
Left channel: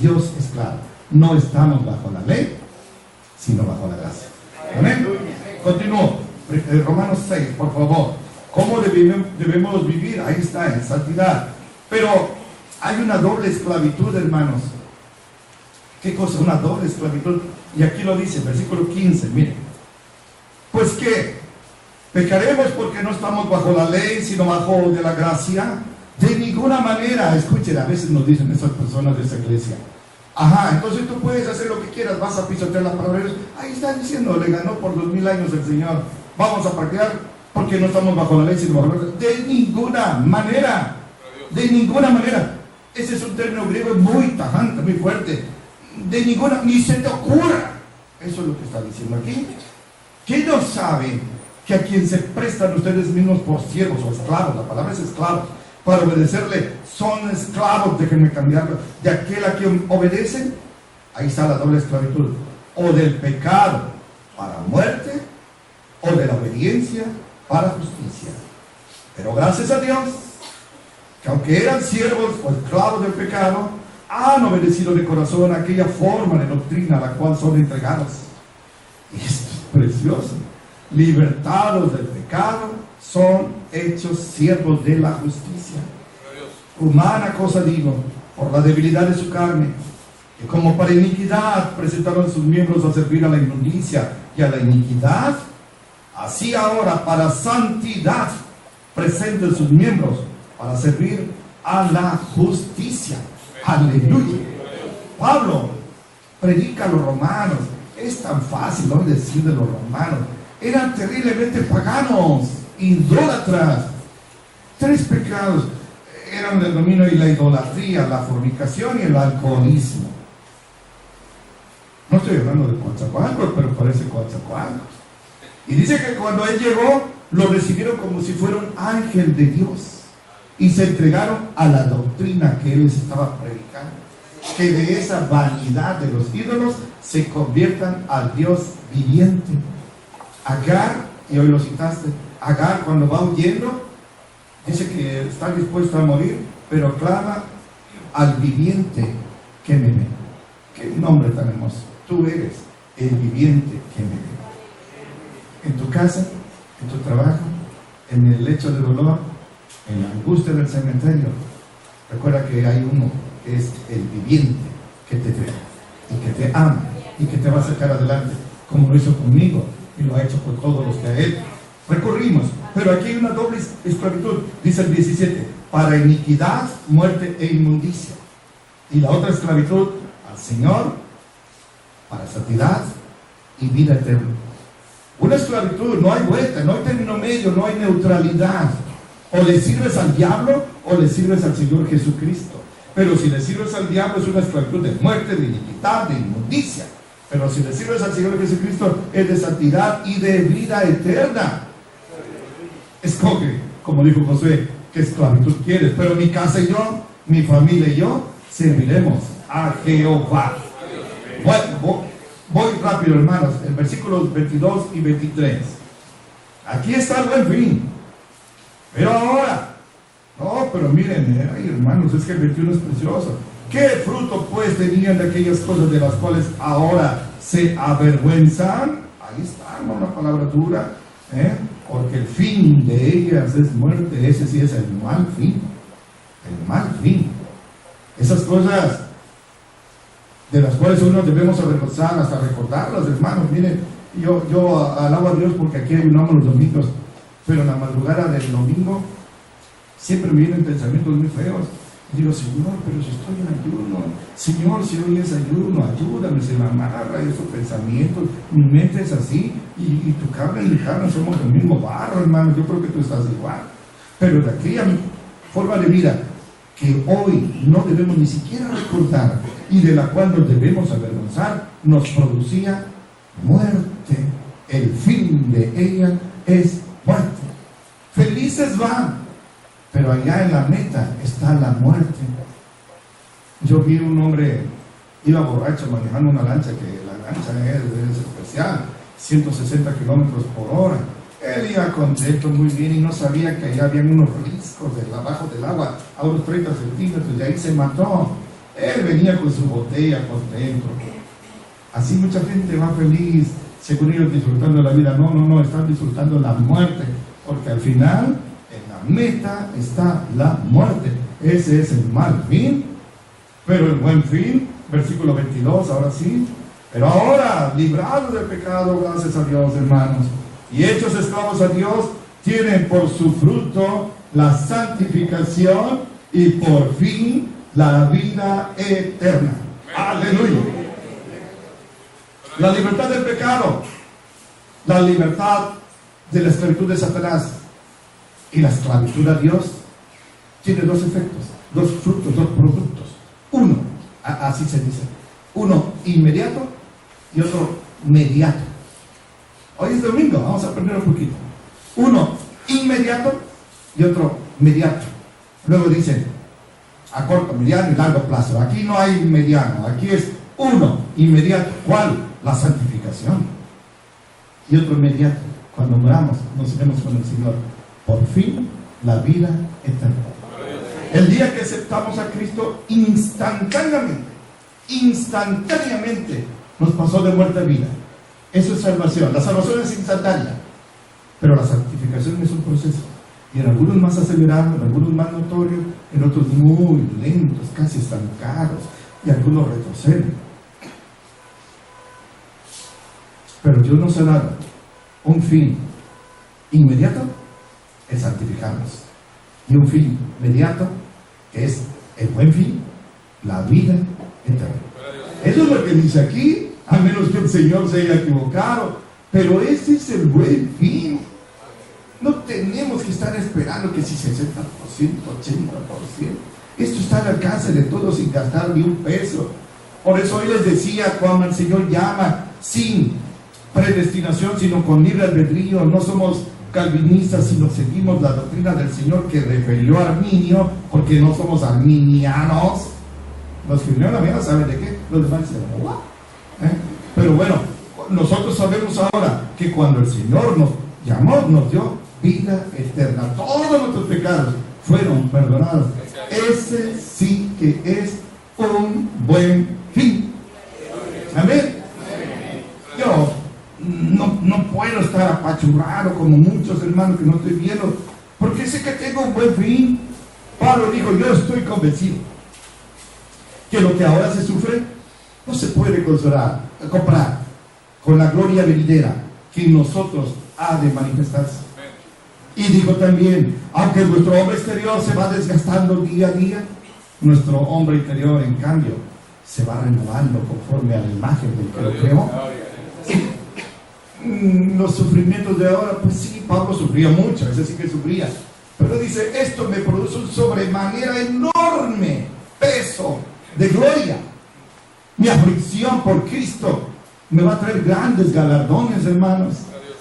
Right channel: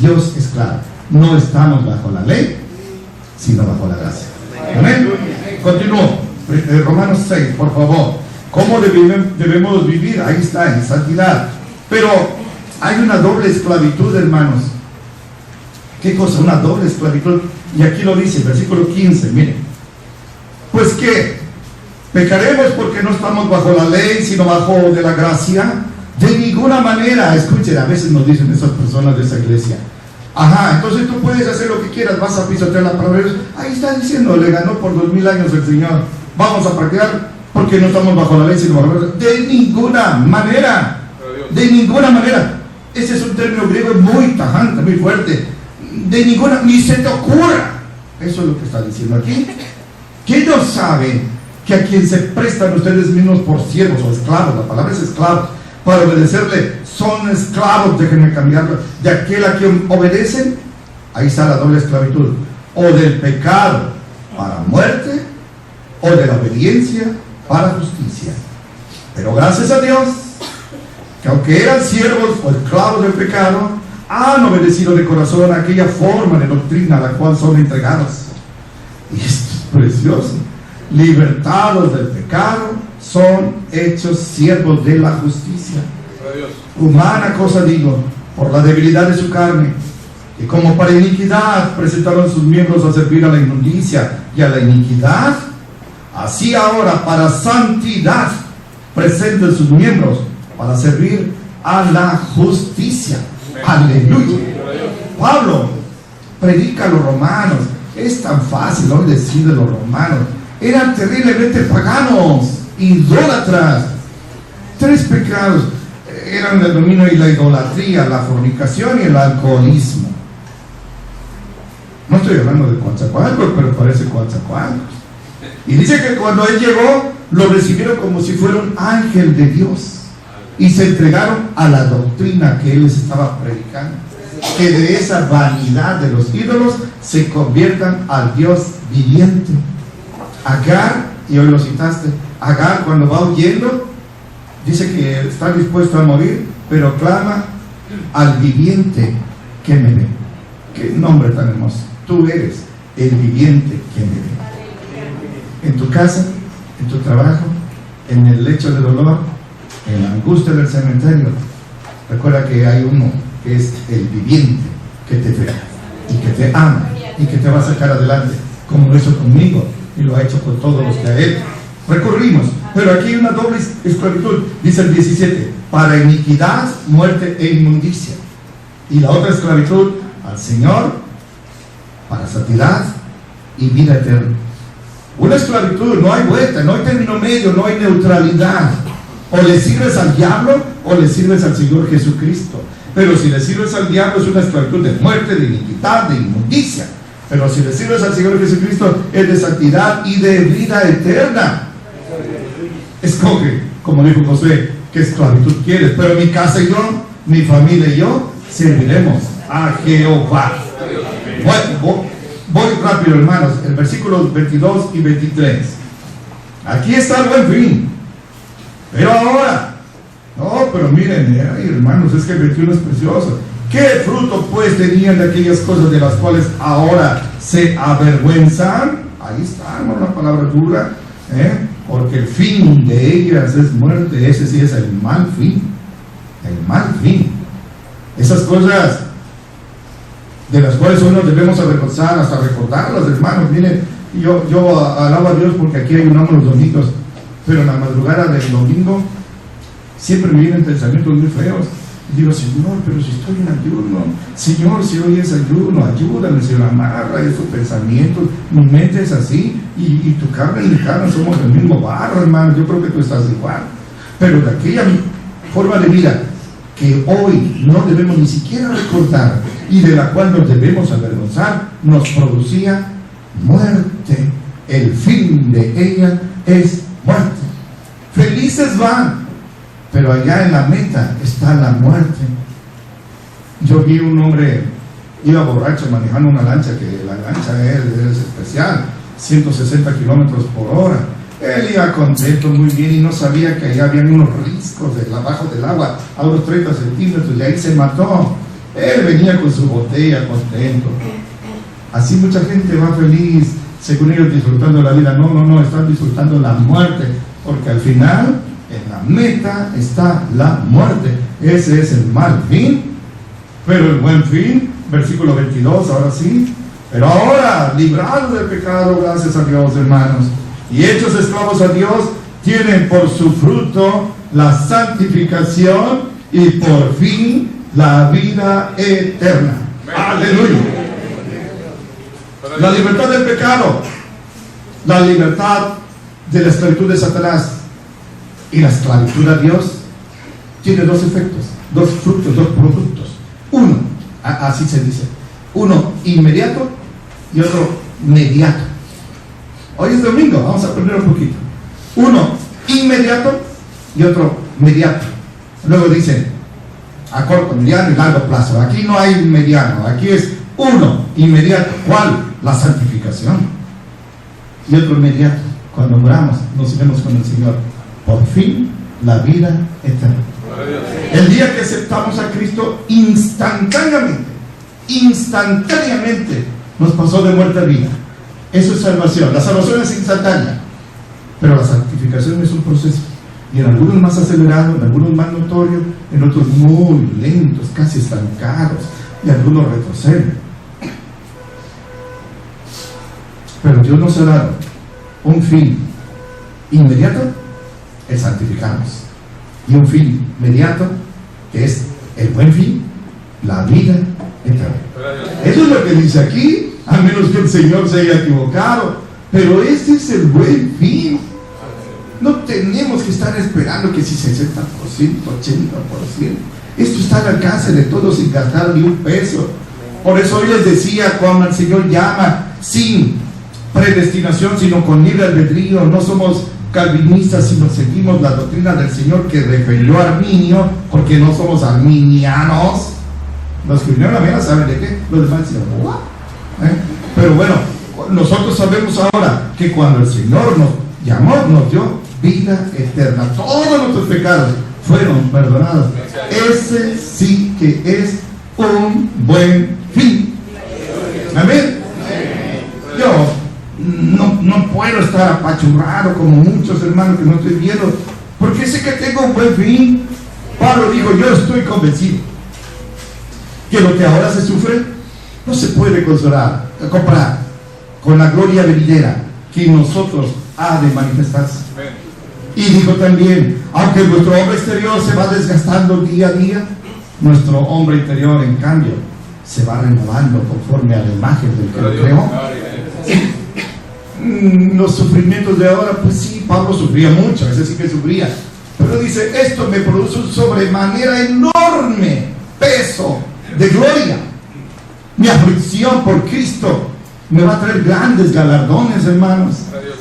Dios es claro. No estamos bajo la ley, sino bajo la gracia. Amén. Continúo. Romanos 6, por favor. ¿Cómo debemos vivir? Ahí está, en santidad. Pero hay una doble esclavitud, hermanos. ¿Qué cosa? Una doble esclavitud. Y aquí lo dice, versículo 15, miren. Pues que pecaremos porque no estamos bajo la ley, sino bajo de la gracia. De ninguna manera. Escuchen, a veces nos dicen esas personas de esa iglesia: ajá, entonces tú puedes hacer lo que quieras, vas a pisotear la palabra de Dios. Ahí está diciendo, le ganó por 2000 años el Señor. Vamos a practicar porque no estamos bajo la ley, sino bajo la gracia. De ninguna manera. De ninguna manera. Ese es un término griego muy tajante, muy fuerte. De ninguna, ni se te ocurra. Eso es lo que está diciendo aquí. ¿Quién no sabe que a quien se prestan ustedes mismos por siervos o esclavos, la palabra es esclavos, para obedecerle, son esclavos, déjenme cambiarlo, de aquel a quien obedecen? Ahí está la doble esclavitud, o del pecado para muerte, o de la obediencia para justicia. Pero gracias a Dios, que aunque eran siervos o esclavos del pecado, han obedecido de corazón a aquella forma de doctrina a la cual son entregados. Y esto es precioso. Libertados del pecado, son hechos siervos de la justicia. Humana cosa digo, por la debilidad de su carne, Y como para iniquidad presentaron sus miembros a servir a la inmundicia y a la iniquidad, así ahora para santidad presenten sus miembros para servir a la justicia. Aleluya. Pablo predica a los romanos. Es tan fácil hoy decir de los romanos. Eran terriblemente paganos, idólatras. 3 pecados eran el dominio y la idolatría, la fornicación y el alcoholismo. No estoy hablando de Coatzacoalcos, pero parece Coatzacoalcos. Y dice que cuando él llegó, lo recibieron como si fuera un ángel de Dios. Y se entregaron a la doctrina que él les estaba predicando. Que de esa vanidad de los ídolos se conviertan al Dios viviente. Agar, y hoy lo citaste, Agar cuando va huyendo, dice que está dispuesto a morir, pero clama al viviente que me ve. Qué nombre tan hermoso. Tú eres el viviente que me ve. En tu casa, en tu trabajo, en el lecho de dolor, en la angustia del cementerio, recuerda que hay uno que es el viviente que te ve y que te ama y que te va a sacar adelante, como lo hizo conmigo y lo ha hecho con todos los que a él recurrimos. Pero aquí hay una doble esclavitud, dice el 17, para iniquidad, muerte e inmundicia. Y la otra esclavitud al Señor, para santidad y vida eterna. Una esclavitud, no hay vuelta, no hay término medio, no hay neutralidad. O le sirves al diablo o le sirves al Señor Jesucristo. Pero si le sirves al diablo es una esclavitud de muerte, de iniquidad, de inmundicia. Pero si le sirves al Señor Jesucristo es de santidad y de vida eterna. Escoge, como dijo Josué, qué esclavitud quieres. Pero mi casa y yo, mi familia y yo, serviremos a Jehová. Bueno, voy rápido, hermanos. El versículos 22 y 23. Aquí está el buen fin. Pero ahora, no, pero miren, ay, hermanos, es que el 21 es precioso. ¿Qué fruto pues tenían de aquellas cosas de las cuales ahora se avergüenzan? Ahí está, hermano, una palabra dura, porque el fin de ellas es muerte. Ese sí es el mal fin. El mal fin. Esas cosas de las cuales hoy nos debemos avergonzar, hasta recordarlas, hermanos. Miren, yo alabo a Dios porque aquí ayunamos los domingos, pero en la madrugada del domingo siempre me vienen pensamientos muy feos. Y digo, Señor, pero si estoy en ayuno, Señor, si hoy es ayuno, ayúdame, Señor, amarra esos pensamientos. Mi mente es así, y tu carne y mi carne somos del mismo barro, hermano. Yo creo que tú estás igual. Pero de aquella forma de vida que hoy no debemos ni siquiera recordar y de la cual nos debemos avergonzar, nos producía muerte. El fin de ella es muerte. Felices van, pero allá en la meta está la muerte. Yo vi un hombre, iba borracho manejando una lancha, que la lancha es especial, 160 kilómetros por hora. Él iba contento, muy bien, y no sabía que allá habían unos riscos abajo del agua, a unos 30 centímetros, y ahí se mató. Él venía con su botella contento. Así mucha gente va feliz, según ellos disfrutando la vida. No, están disfrutando la muerte, porque al final, en la meta está la muerte. Ese es el mal fin, pero el buen fin, versículo 22, ahora sí. Pero ahora, librados del pecado, gracias a Dios, hermanos, y hechos esclavos a Dios, tienen por su fruto la santificación y por fin la vida eterna. Aleluya. La libertad del pecado, la libertad de la esclavitud de Satanás y la esclavitud a Dios tiene dos efectos, dos frutos, dos productos. Uno, así se dice, uno inmediato y otro mediato. Hoy es domingo, vamos a aprender un poquito. Uno inmediato y otro mediato. Luego dice a corto, mediano y largo plazo. Aquí no hay mediano, aquí es uno inmediato. ¿Cuál? La santificación. Y otro inmediato. Cuando moramos, nos iremos con el Señor. Por fin, la vida eterna. El día que aceptamos a Cristo, instantáneamente nos pasó de muerte a vida. Eso es salvación. La salvación es instantánea, pero la santificación es un proceso. Y en algunos más acelerado, en algunos más notorio, en otros muy lentos, casi estancados. y algunos retroceden. Pero Dios nos ha dado un fin inmediato, el santificarnos, y un fin inmediato, que es el buen fin, la vida eterna. Eso es lo que dice aquí, a menos que el Señor se haya equivocado, pero este es el buen fin. No tenemos que estar esperando que si 60%, 80%, esto está al alcance de todos sin gastar ni un peso. Por eso hoy les decía, cuando el Señor llama sin predestinación, sino con libre albedrío, no somos calvinistas, sino seguimos la doctrina del Señor que refirió a Arminio, porque no somos arminianos. Los que vinieron a la saben de qué, los demás dicen, ¿what? Pero bueno, nosotros sabemos ahora que cuando el Señor nos llamó, nos dio vida eterna. Todos nuestros pecados fueron perdonados. Ese sí que es un buen fin. Amén. Yo no puedo estar apachurrado como muchos hermanos que no estoy viendo, porque sé que tengo un buen fin. Pablo dijo, yo estoy convencido que lo que ahora se sufre no se puede comprar con la gloria venidera que en nosotros ha de manifestarse. Y dijo también, aunque nuestro hombre exterior se va desgastando día a día, nuestro hombre interior en cambio se va renovando conforme a la imagen del que lo creó. Los sufrimientos de ahora, pues sí, Pablo sufría mucho, ese sí que sufría, pero dice, esto me produce un sobremanera enorme peso de gloria. Mi aflicción por Cristo me va a traer grandes galardones, hermanos.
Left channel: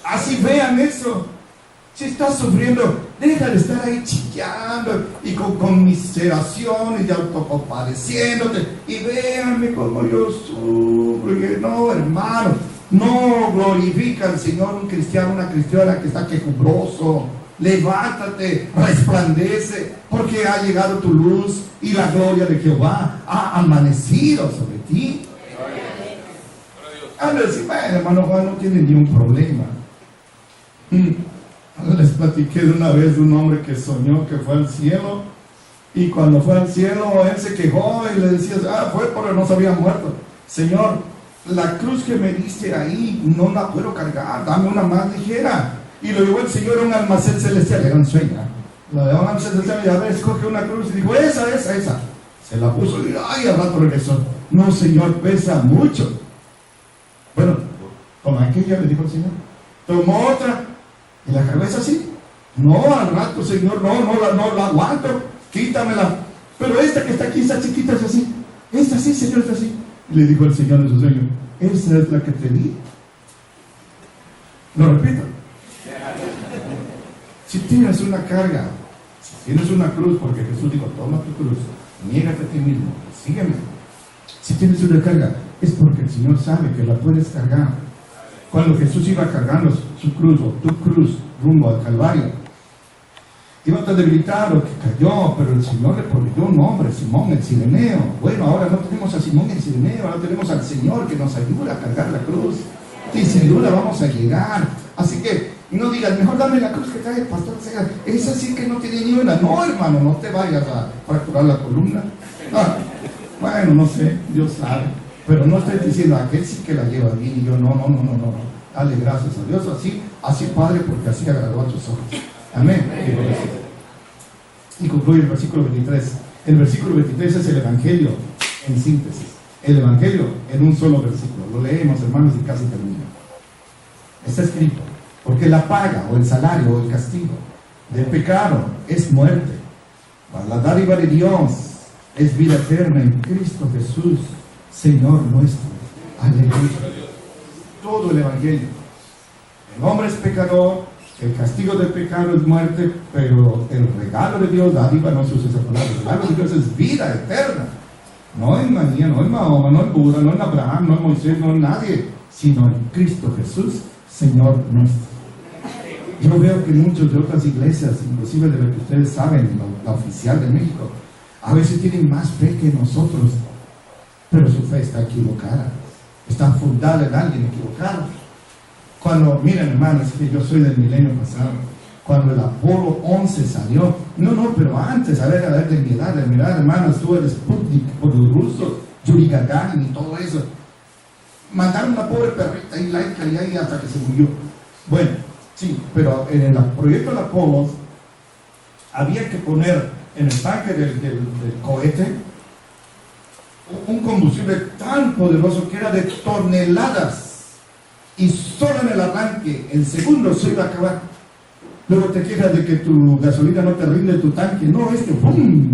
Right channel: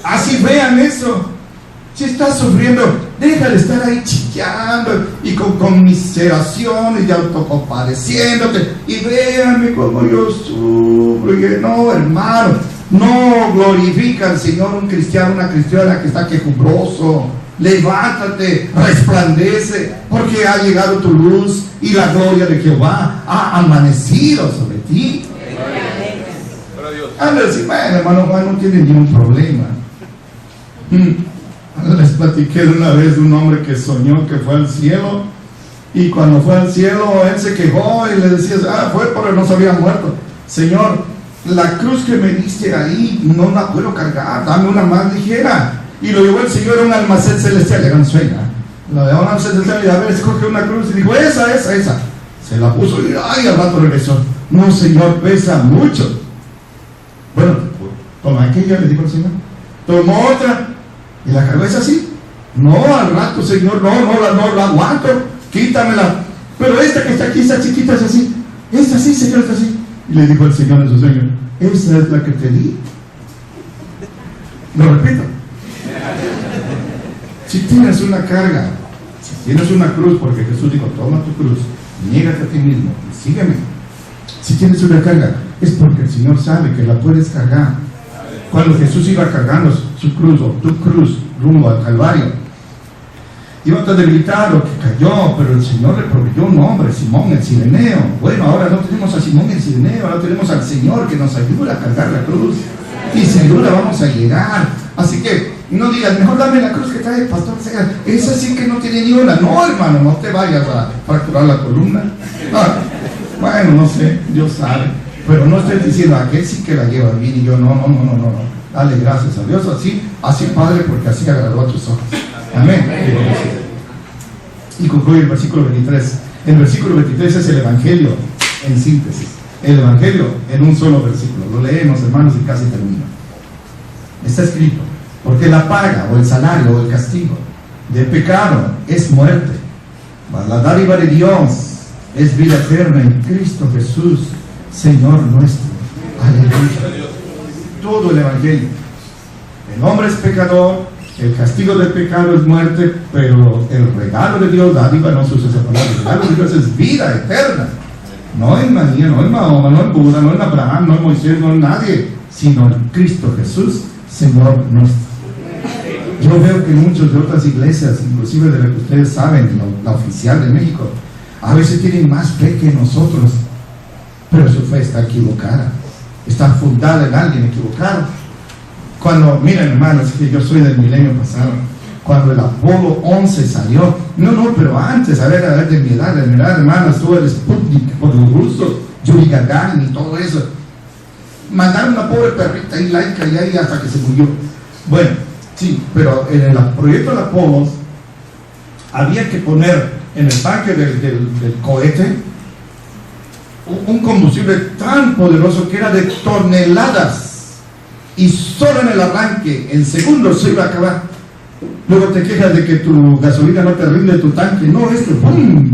Así vean eso. Si estás sufriendo, deja de estar ahí chillando y con conmiseraciones y autocompadeciéndote, y véanme como yo sufro. Y no, hermano, no glorifica al Señor un cristiano, una cristiana que está quejumbroso. Levántate, resplandece, porque ha llegado tu luz y la gloria de Jehová ha amanecido sobre ti. A ver, si bueno, hermano Juan no tiene ni un problema. Les platiqué de una vez de un hombre que soñó que fue al cielo, y cuando fue al cielo él se quejó y le decía, fue porque no se había muerto. Señor, la cruz que me diste ahí no la puedo cargar, dame una más ligera. Y lo llevó el Señor a un almacén celestial, era un sueño, lo llevó a un almacén celestial y a ver, escoge una cruz, y dijo, esa, se la puso y al rato regresó, no Señor, pesa mucho. Bueno, toma aquella, le dijo el Señor, tomó otra y la cargó, es así, no, al rato Señor, no la aguanto, quítamela, pero esta que está aquí, esta chiquita es así, esta sí Señor, esta así. Y le dijo el Señor a su sueño, esa es la que te di. Lo repito, si tienes una carga, si tienes una cruz, porque Jesús dijo, toma tu cruz, niégate a ti mismo y sígueme. Si tienes una carga, es porque el Señor sabe que la puedes cargar. Cuando Jesús iba cargando su cruz, o tu cruz, rumbo al Calvario, iba tan debilitado que cayó, pero el Señor le proveyó un hombre, Simón el Cireneo. Bueno, ahora no tenemos a Simón el Cireneo, ahora tenemos al Señor que nos ayuda a cargar la cruz, y sin duda vamos a llegar. Así que no digas, mejor dame la cruz que trae el pastor Segar, esa sí que no tiene ni una. No, hermano, no te vayas a fracturar la columna. Bueno, no sé, Dios sabe, pero no estoy diciendo, aquel sí que la lleva bien y yo no. Dale gracias a Dios, así Padre, porque así agradó a tus ojos. Amén. Y concluye el versículo 23. El versículo 23 es el Evangelio en síntesis. El Evangelio en un solo versículo. Lo leemos, hermanos, y casi termino. Está escrito, porque la paga o el salario o el castigo del pecado es muerte, mas la dádiva de Dios es vida eterna en Cristo Jesús, Señor nuestro. Aleluya. Todo el Evangelio. El hombre es pecador, el castigo del pecado es muerte, pero el regalo de Dios, dádiva, no se usa esa palabra, el regalo de Dios es vida eterna. No en María, no en Mahoma, no en Buda, no en Abraham, no en Moisés, no en nadie, sino en Cristo Jesús, Señor nuestro. Yo veo que muchos de otras iglesias, inclusive de las que ustedes saben, la oficial de México, a veces tienen más fe que nosotros, pero su fe está equivocada, está fundada en alguien equivocado. Cuando, miren hermanos, que yo soy del milenio pasado, cuando el Apolo 11 salió, pero antes, a ver, de mi edad, hermanos, tú eres Sputnik por los rusos, Yuri Gagarin y todo eso. Mandaron una pobre perrita y laica y ahí hasta que se murió. Bueno, sí, pero en el proyecto de Apolo había que poner en el tanque del cohete un combustible tan poderoso que era de toneladas, y solo en el arranque, en segundos, se iba a acabar. Luego te quejas de que tu gasolina no te rinde tu tanque. No, esto, ¡pum!,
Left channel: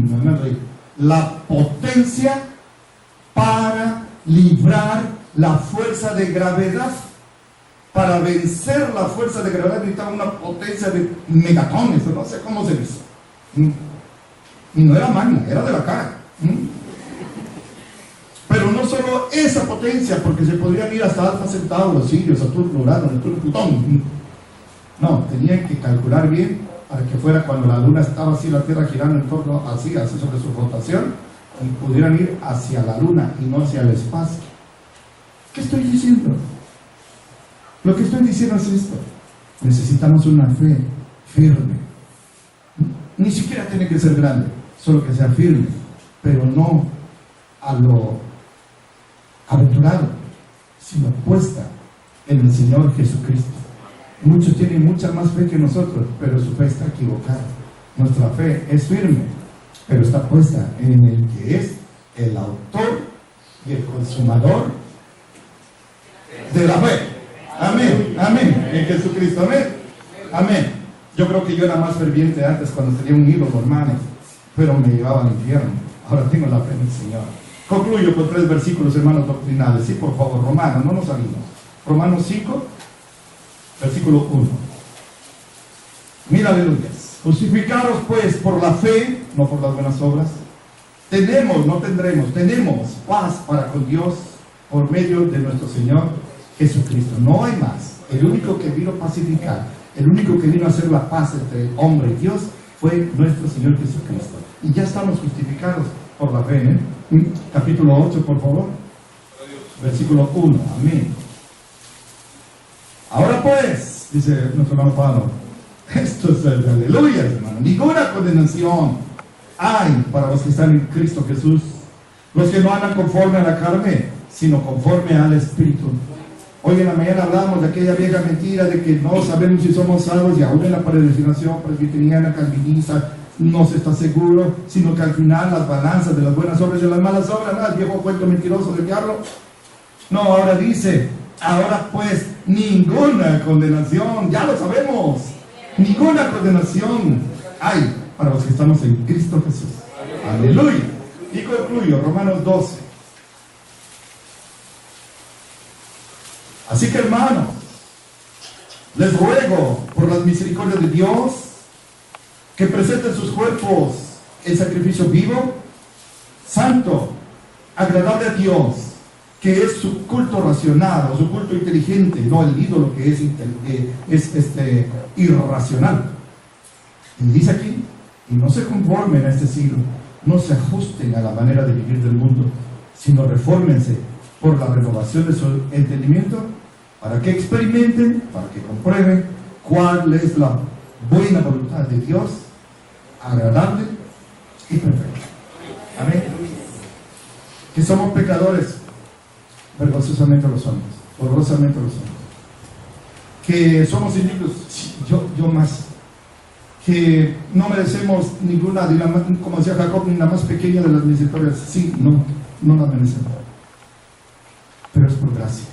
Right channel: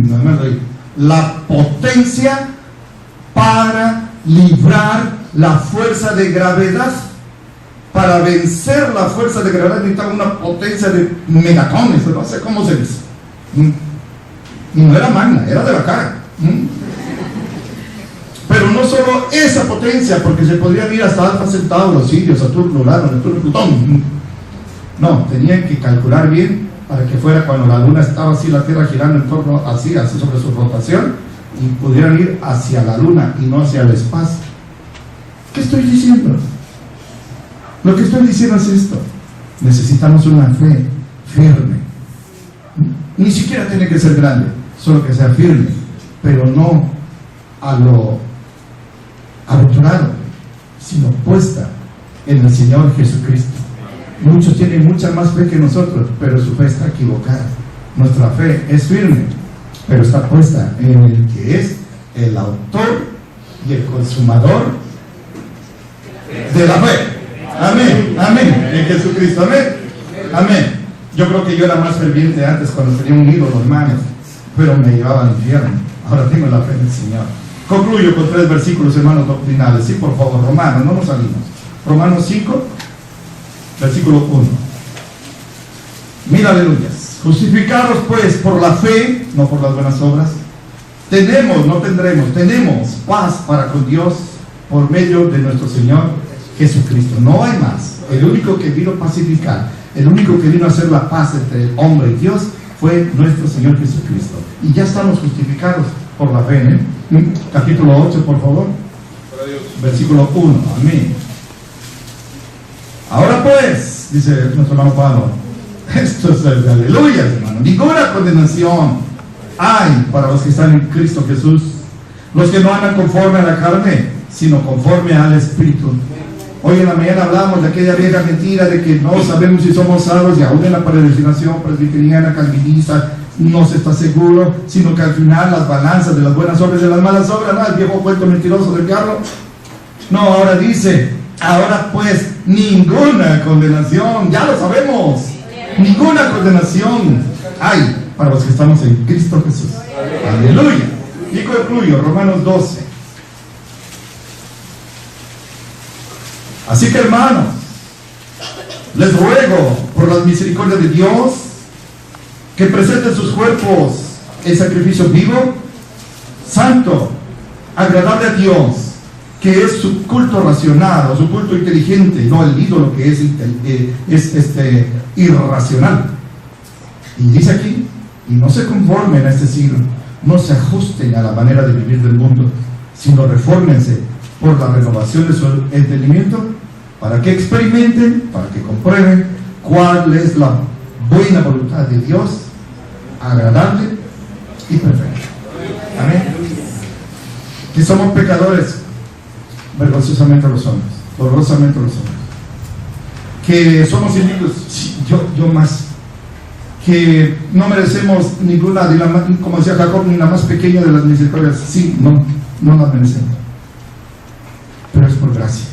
la potencia para librar la fuerza de gravedad. Para vencer la fuerza de gravedad necesitaba una potencia de megatones, no sé cómo se dice. Y no era magna, era de la cara. Pero no solo esa potencia, porque se podrían ir hasta Alfa Centauro, Sirio, Saturno, Urano, Neptuno, Plutón. No, tenían que calcular bien para que fuera cuando la luna estaba así, la Tierra girando en torno así sobre su rotación, y pudieran ir hacia la luna y no hacia el espacio. ¿Qué estoy diciendo? Lo que estoy diciendo es esto: necesitamos una fe firme. Ni siquiera tiene que ser grande, solo que sea firme, pero no a lo aventurado, sino puesta en el Señor Jesucristo. Muchos tienen mucha más fe que nosotros, pero su fe está equivocada. Nuestra fe es firme, pero está puesta en el que es el autor y el consumador de la fe. Amén, amén, en Jesucristo, amén, amén. Yo creo que yo era más ferviente antes cuando tenía un ídolo, hermanos, pero me llevaba al infierno. Ahora tengo la fe en el Señor. Concluyo con 3 versículos, hermanos, doctrinales. Sí, por favor, Romanos, no nos salimos. Romanos 5, versículo 1. Mira, aleluyas. Justificaros pues por la fe, no por las buenas obras. Tenemos, no tendremos, tenemos paz para con Dios por medio de nuestro Señor Jesucristo. No hay más. El único que vino a pacificar, el único que vino a hacer la paz entre el hombre y Dios fue nuestro Señor Jesucristo. Y ya estamos justificados por la fe, ¿eh? Capítulo 8, por favor. Versículo 1. Amén. Ahora pues, dice nuestro hermano Pablo, esto es el de aleluya, hermano. Ninguna condenación hay para los que están en Cristo Jesús, los que no andan conforme a la carne, sino conforme al Espíritu. Hoy en la mañana hablamos de aquella vieja mentira de que no sabemos si somos salvos, y aún en la peregrinación presbiteriana, calvinista, no se está seguro, sino que al final las balanzas de las buenas obras y de las malas obras, ¿no? El viejo cuento mentiroso del diablo. No, ahora dice, ahora pues ninguna condenación, ya lo sabemos, ninguna condenación hay para los que estamos en Cristo Jesús. Aleluya. Y concluyo, Romanos 12. Así que, hermanos, les ruego por las misericordias de Dios que presenten sus cuerpos en sacrificio vivo, santo, agradable a Dios, que es su culto racional o su culto inteligente, no el ídolo que es irracional. Y dice aquí, y no se conformen a este siglo, no se ajusten a la manera de vivir del mundo, sino refórmense por la renovación de su entendimiento, para que experimenten, para que comprueben cuál es la buena voluntad de Dios, agradable y perfecta. Amén. Que somos pecadores, vergonzosamente lo somos, dolorosamente lo somos. Que somos indignos, sí, yo más. Que no merecemos ninguna, como decía Jacob, ni la más pequeña de las misericordias. Sí, no las merecemos. Pero es por gracia,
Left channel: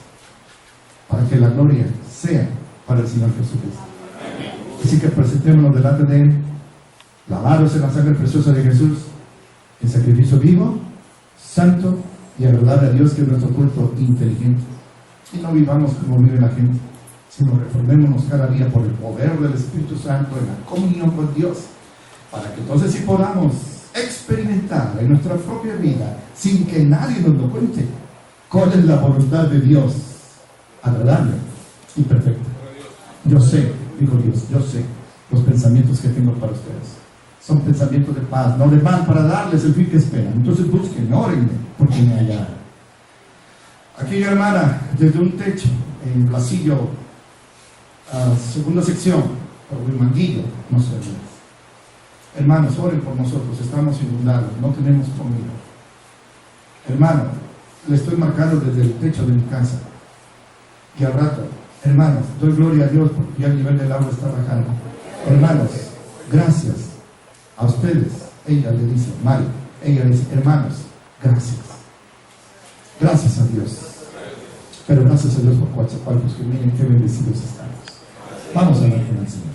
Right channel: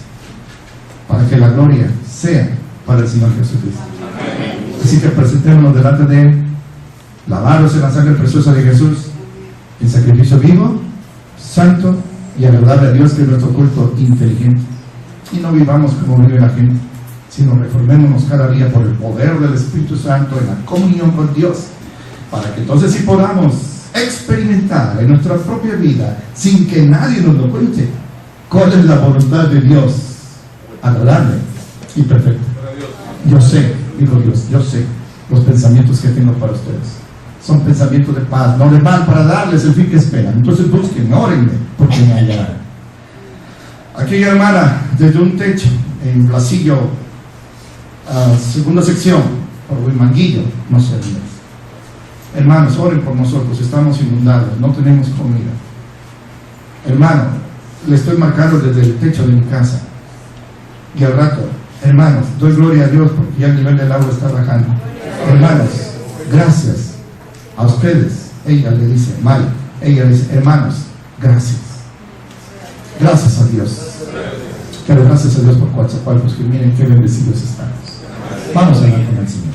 para que la gloria sea para el Señor Jesucristo. Así que presentémonos delante de Él, lavados en la sangre preciosa de Jesús, en sacrificio vivo, santo y agradable a Dios, que es nuestro culto inteligente. Y no vivamos como vive la gente, sino reformémonos cada día por el poder del Espíritu Santo en la comunión con Dios, para que entonces sí podamos experimentar en nuestra propia vida, sin que nadie nos lo cuente, cuál es la voluntad de Dios, agradable y perfecta. Yo sé, dijo Dios, yo sé los pensamientos que tengo para ustedes. Son pensamientos de paz, no de mal, para darles el fin que esperan. Entonces busquen, órenme, porque me hallarán. Aquella hermana, desde un techo, en Blasillo, segunda sección, por Huimanguillo, no sé. Hermanos, oren por nosotros, estamos inundados, no tenemos comida. Hermano, le estoy marcando desde el techo de mi casa. Y al rato, hermanos, doy gloria a Dios porque ya el nivel del agua está bajando. Hermanos, gracias a ustedes. Ella le dice, Mari, ella le dice, hermanos, gracias. Gracias a Dios. Pero gracias a Dios por Coatzacoalcos, que miren qué bendecidos estamos. Vamos a hablar con el Señor.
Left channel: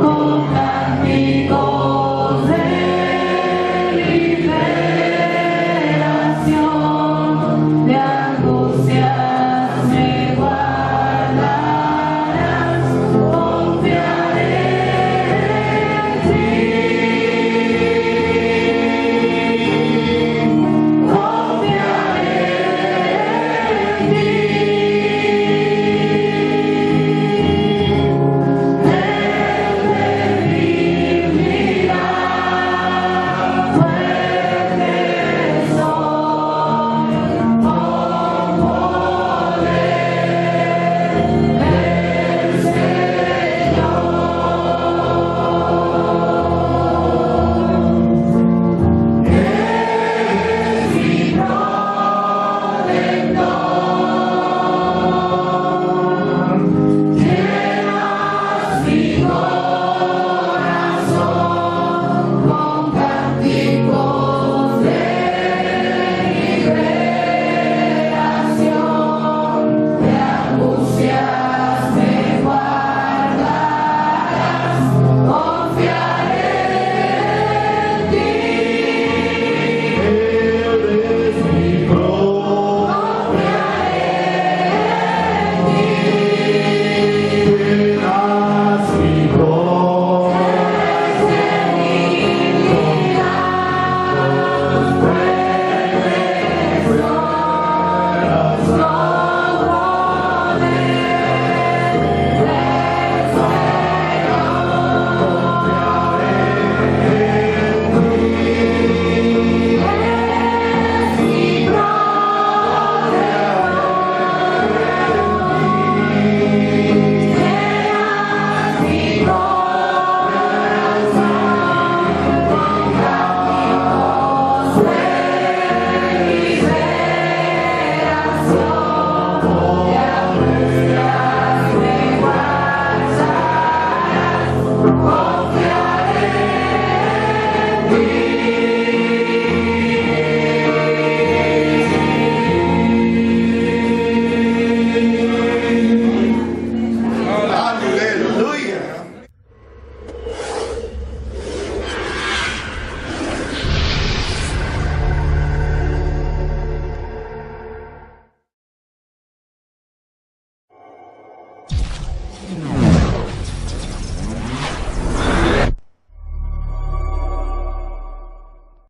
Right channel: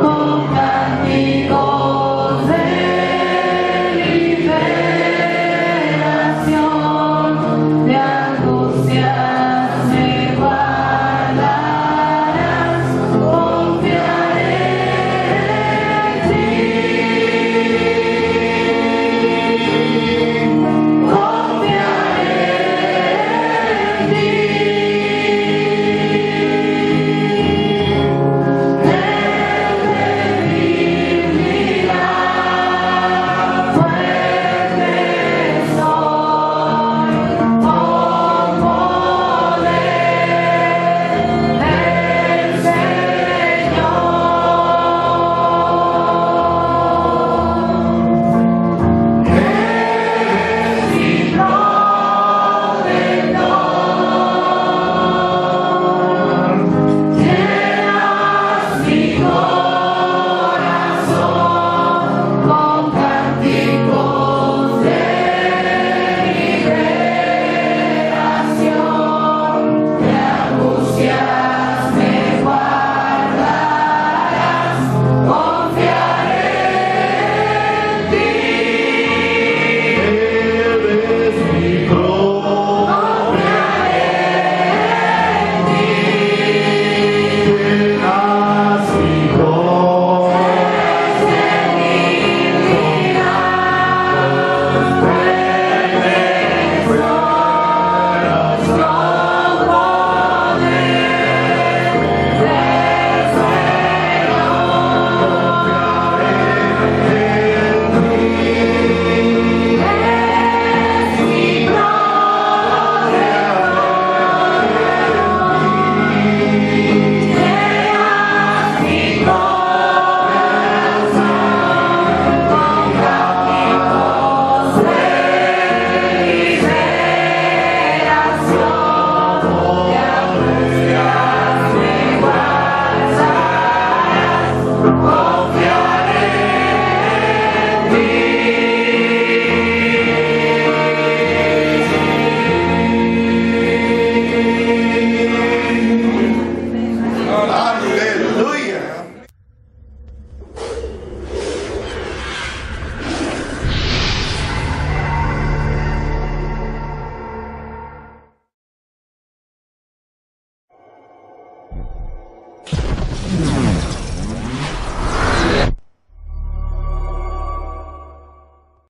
Con cánticos de libertad.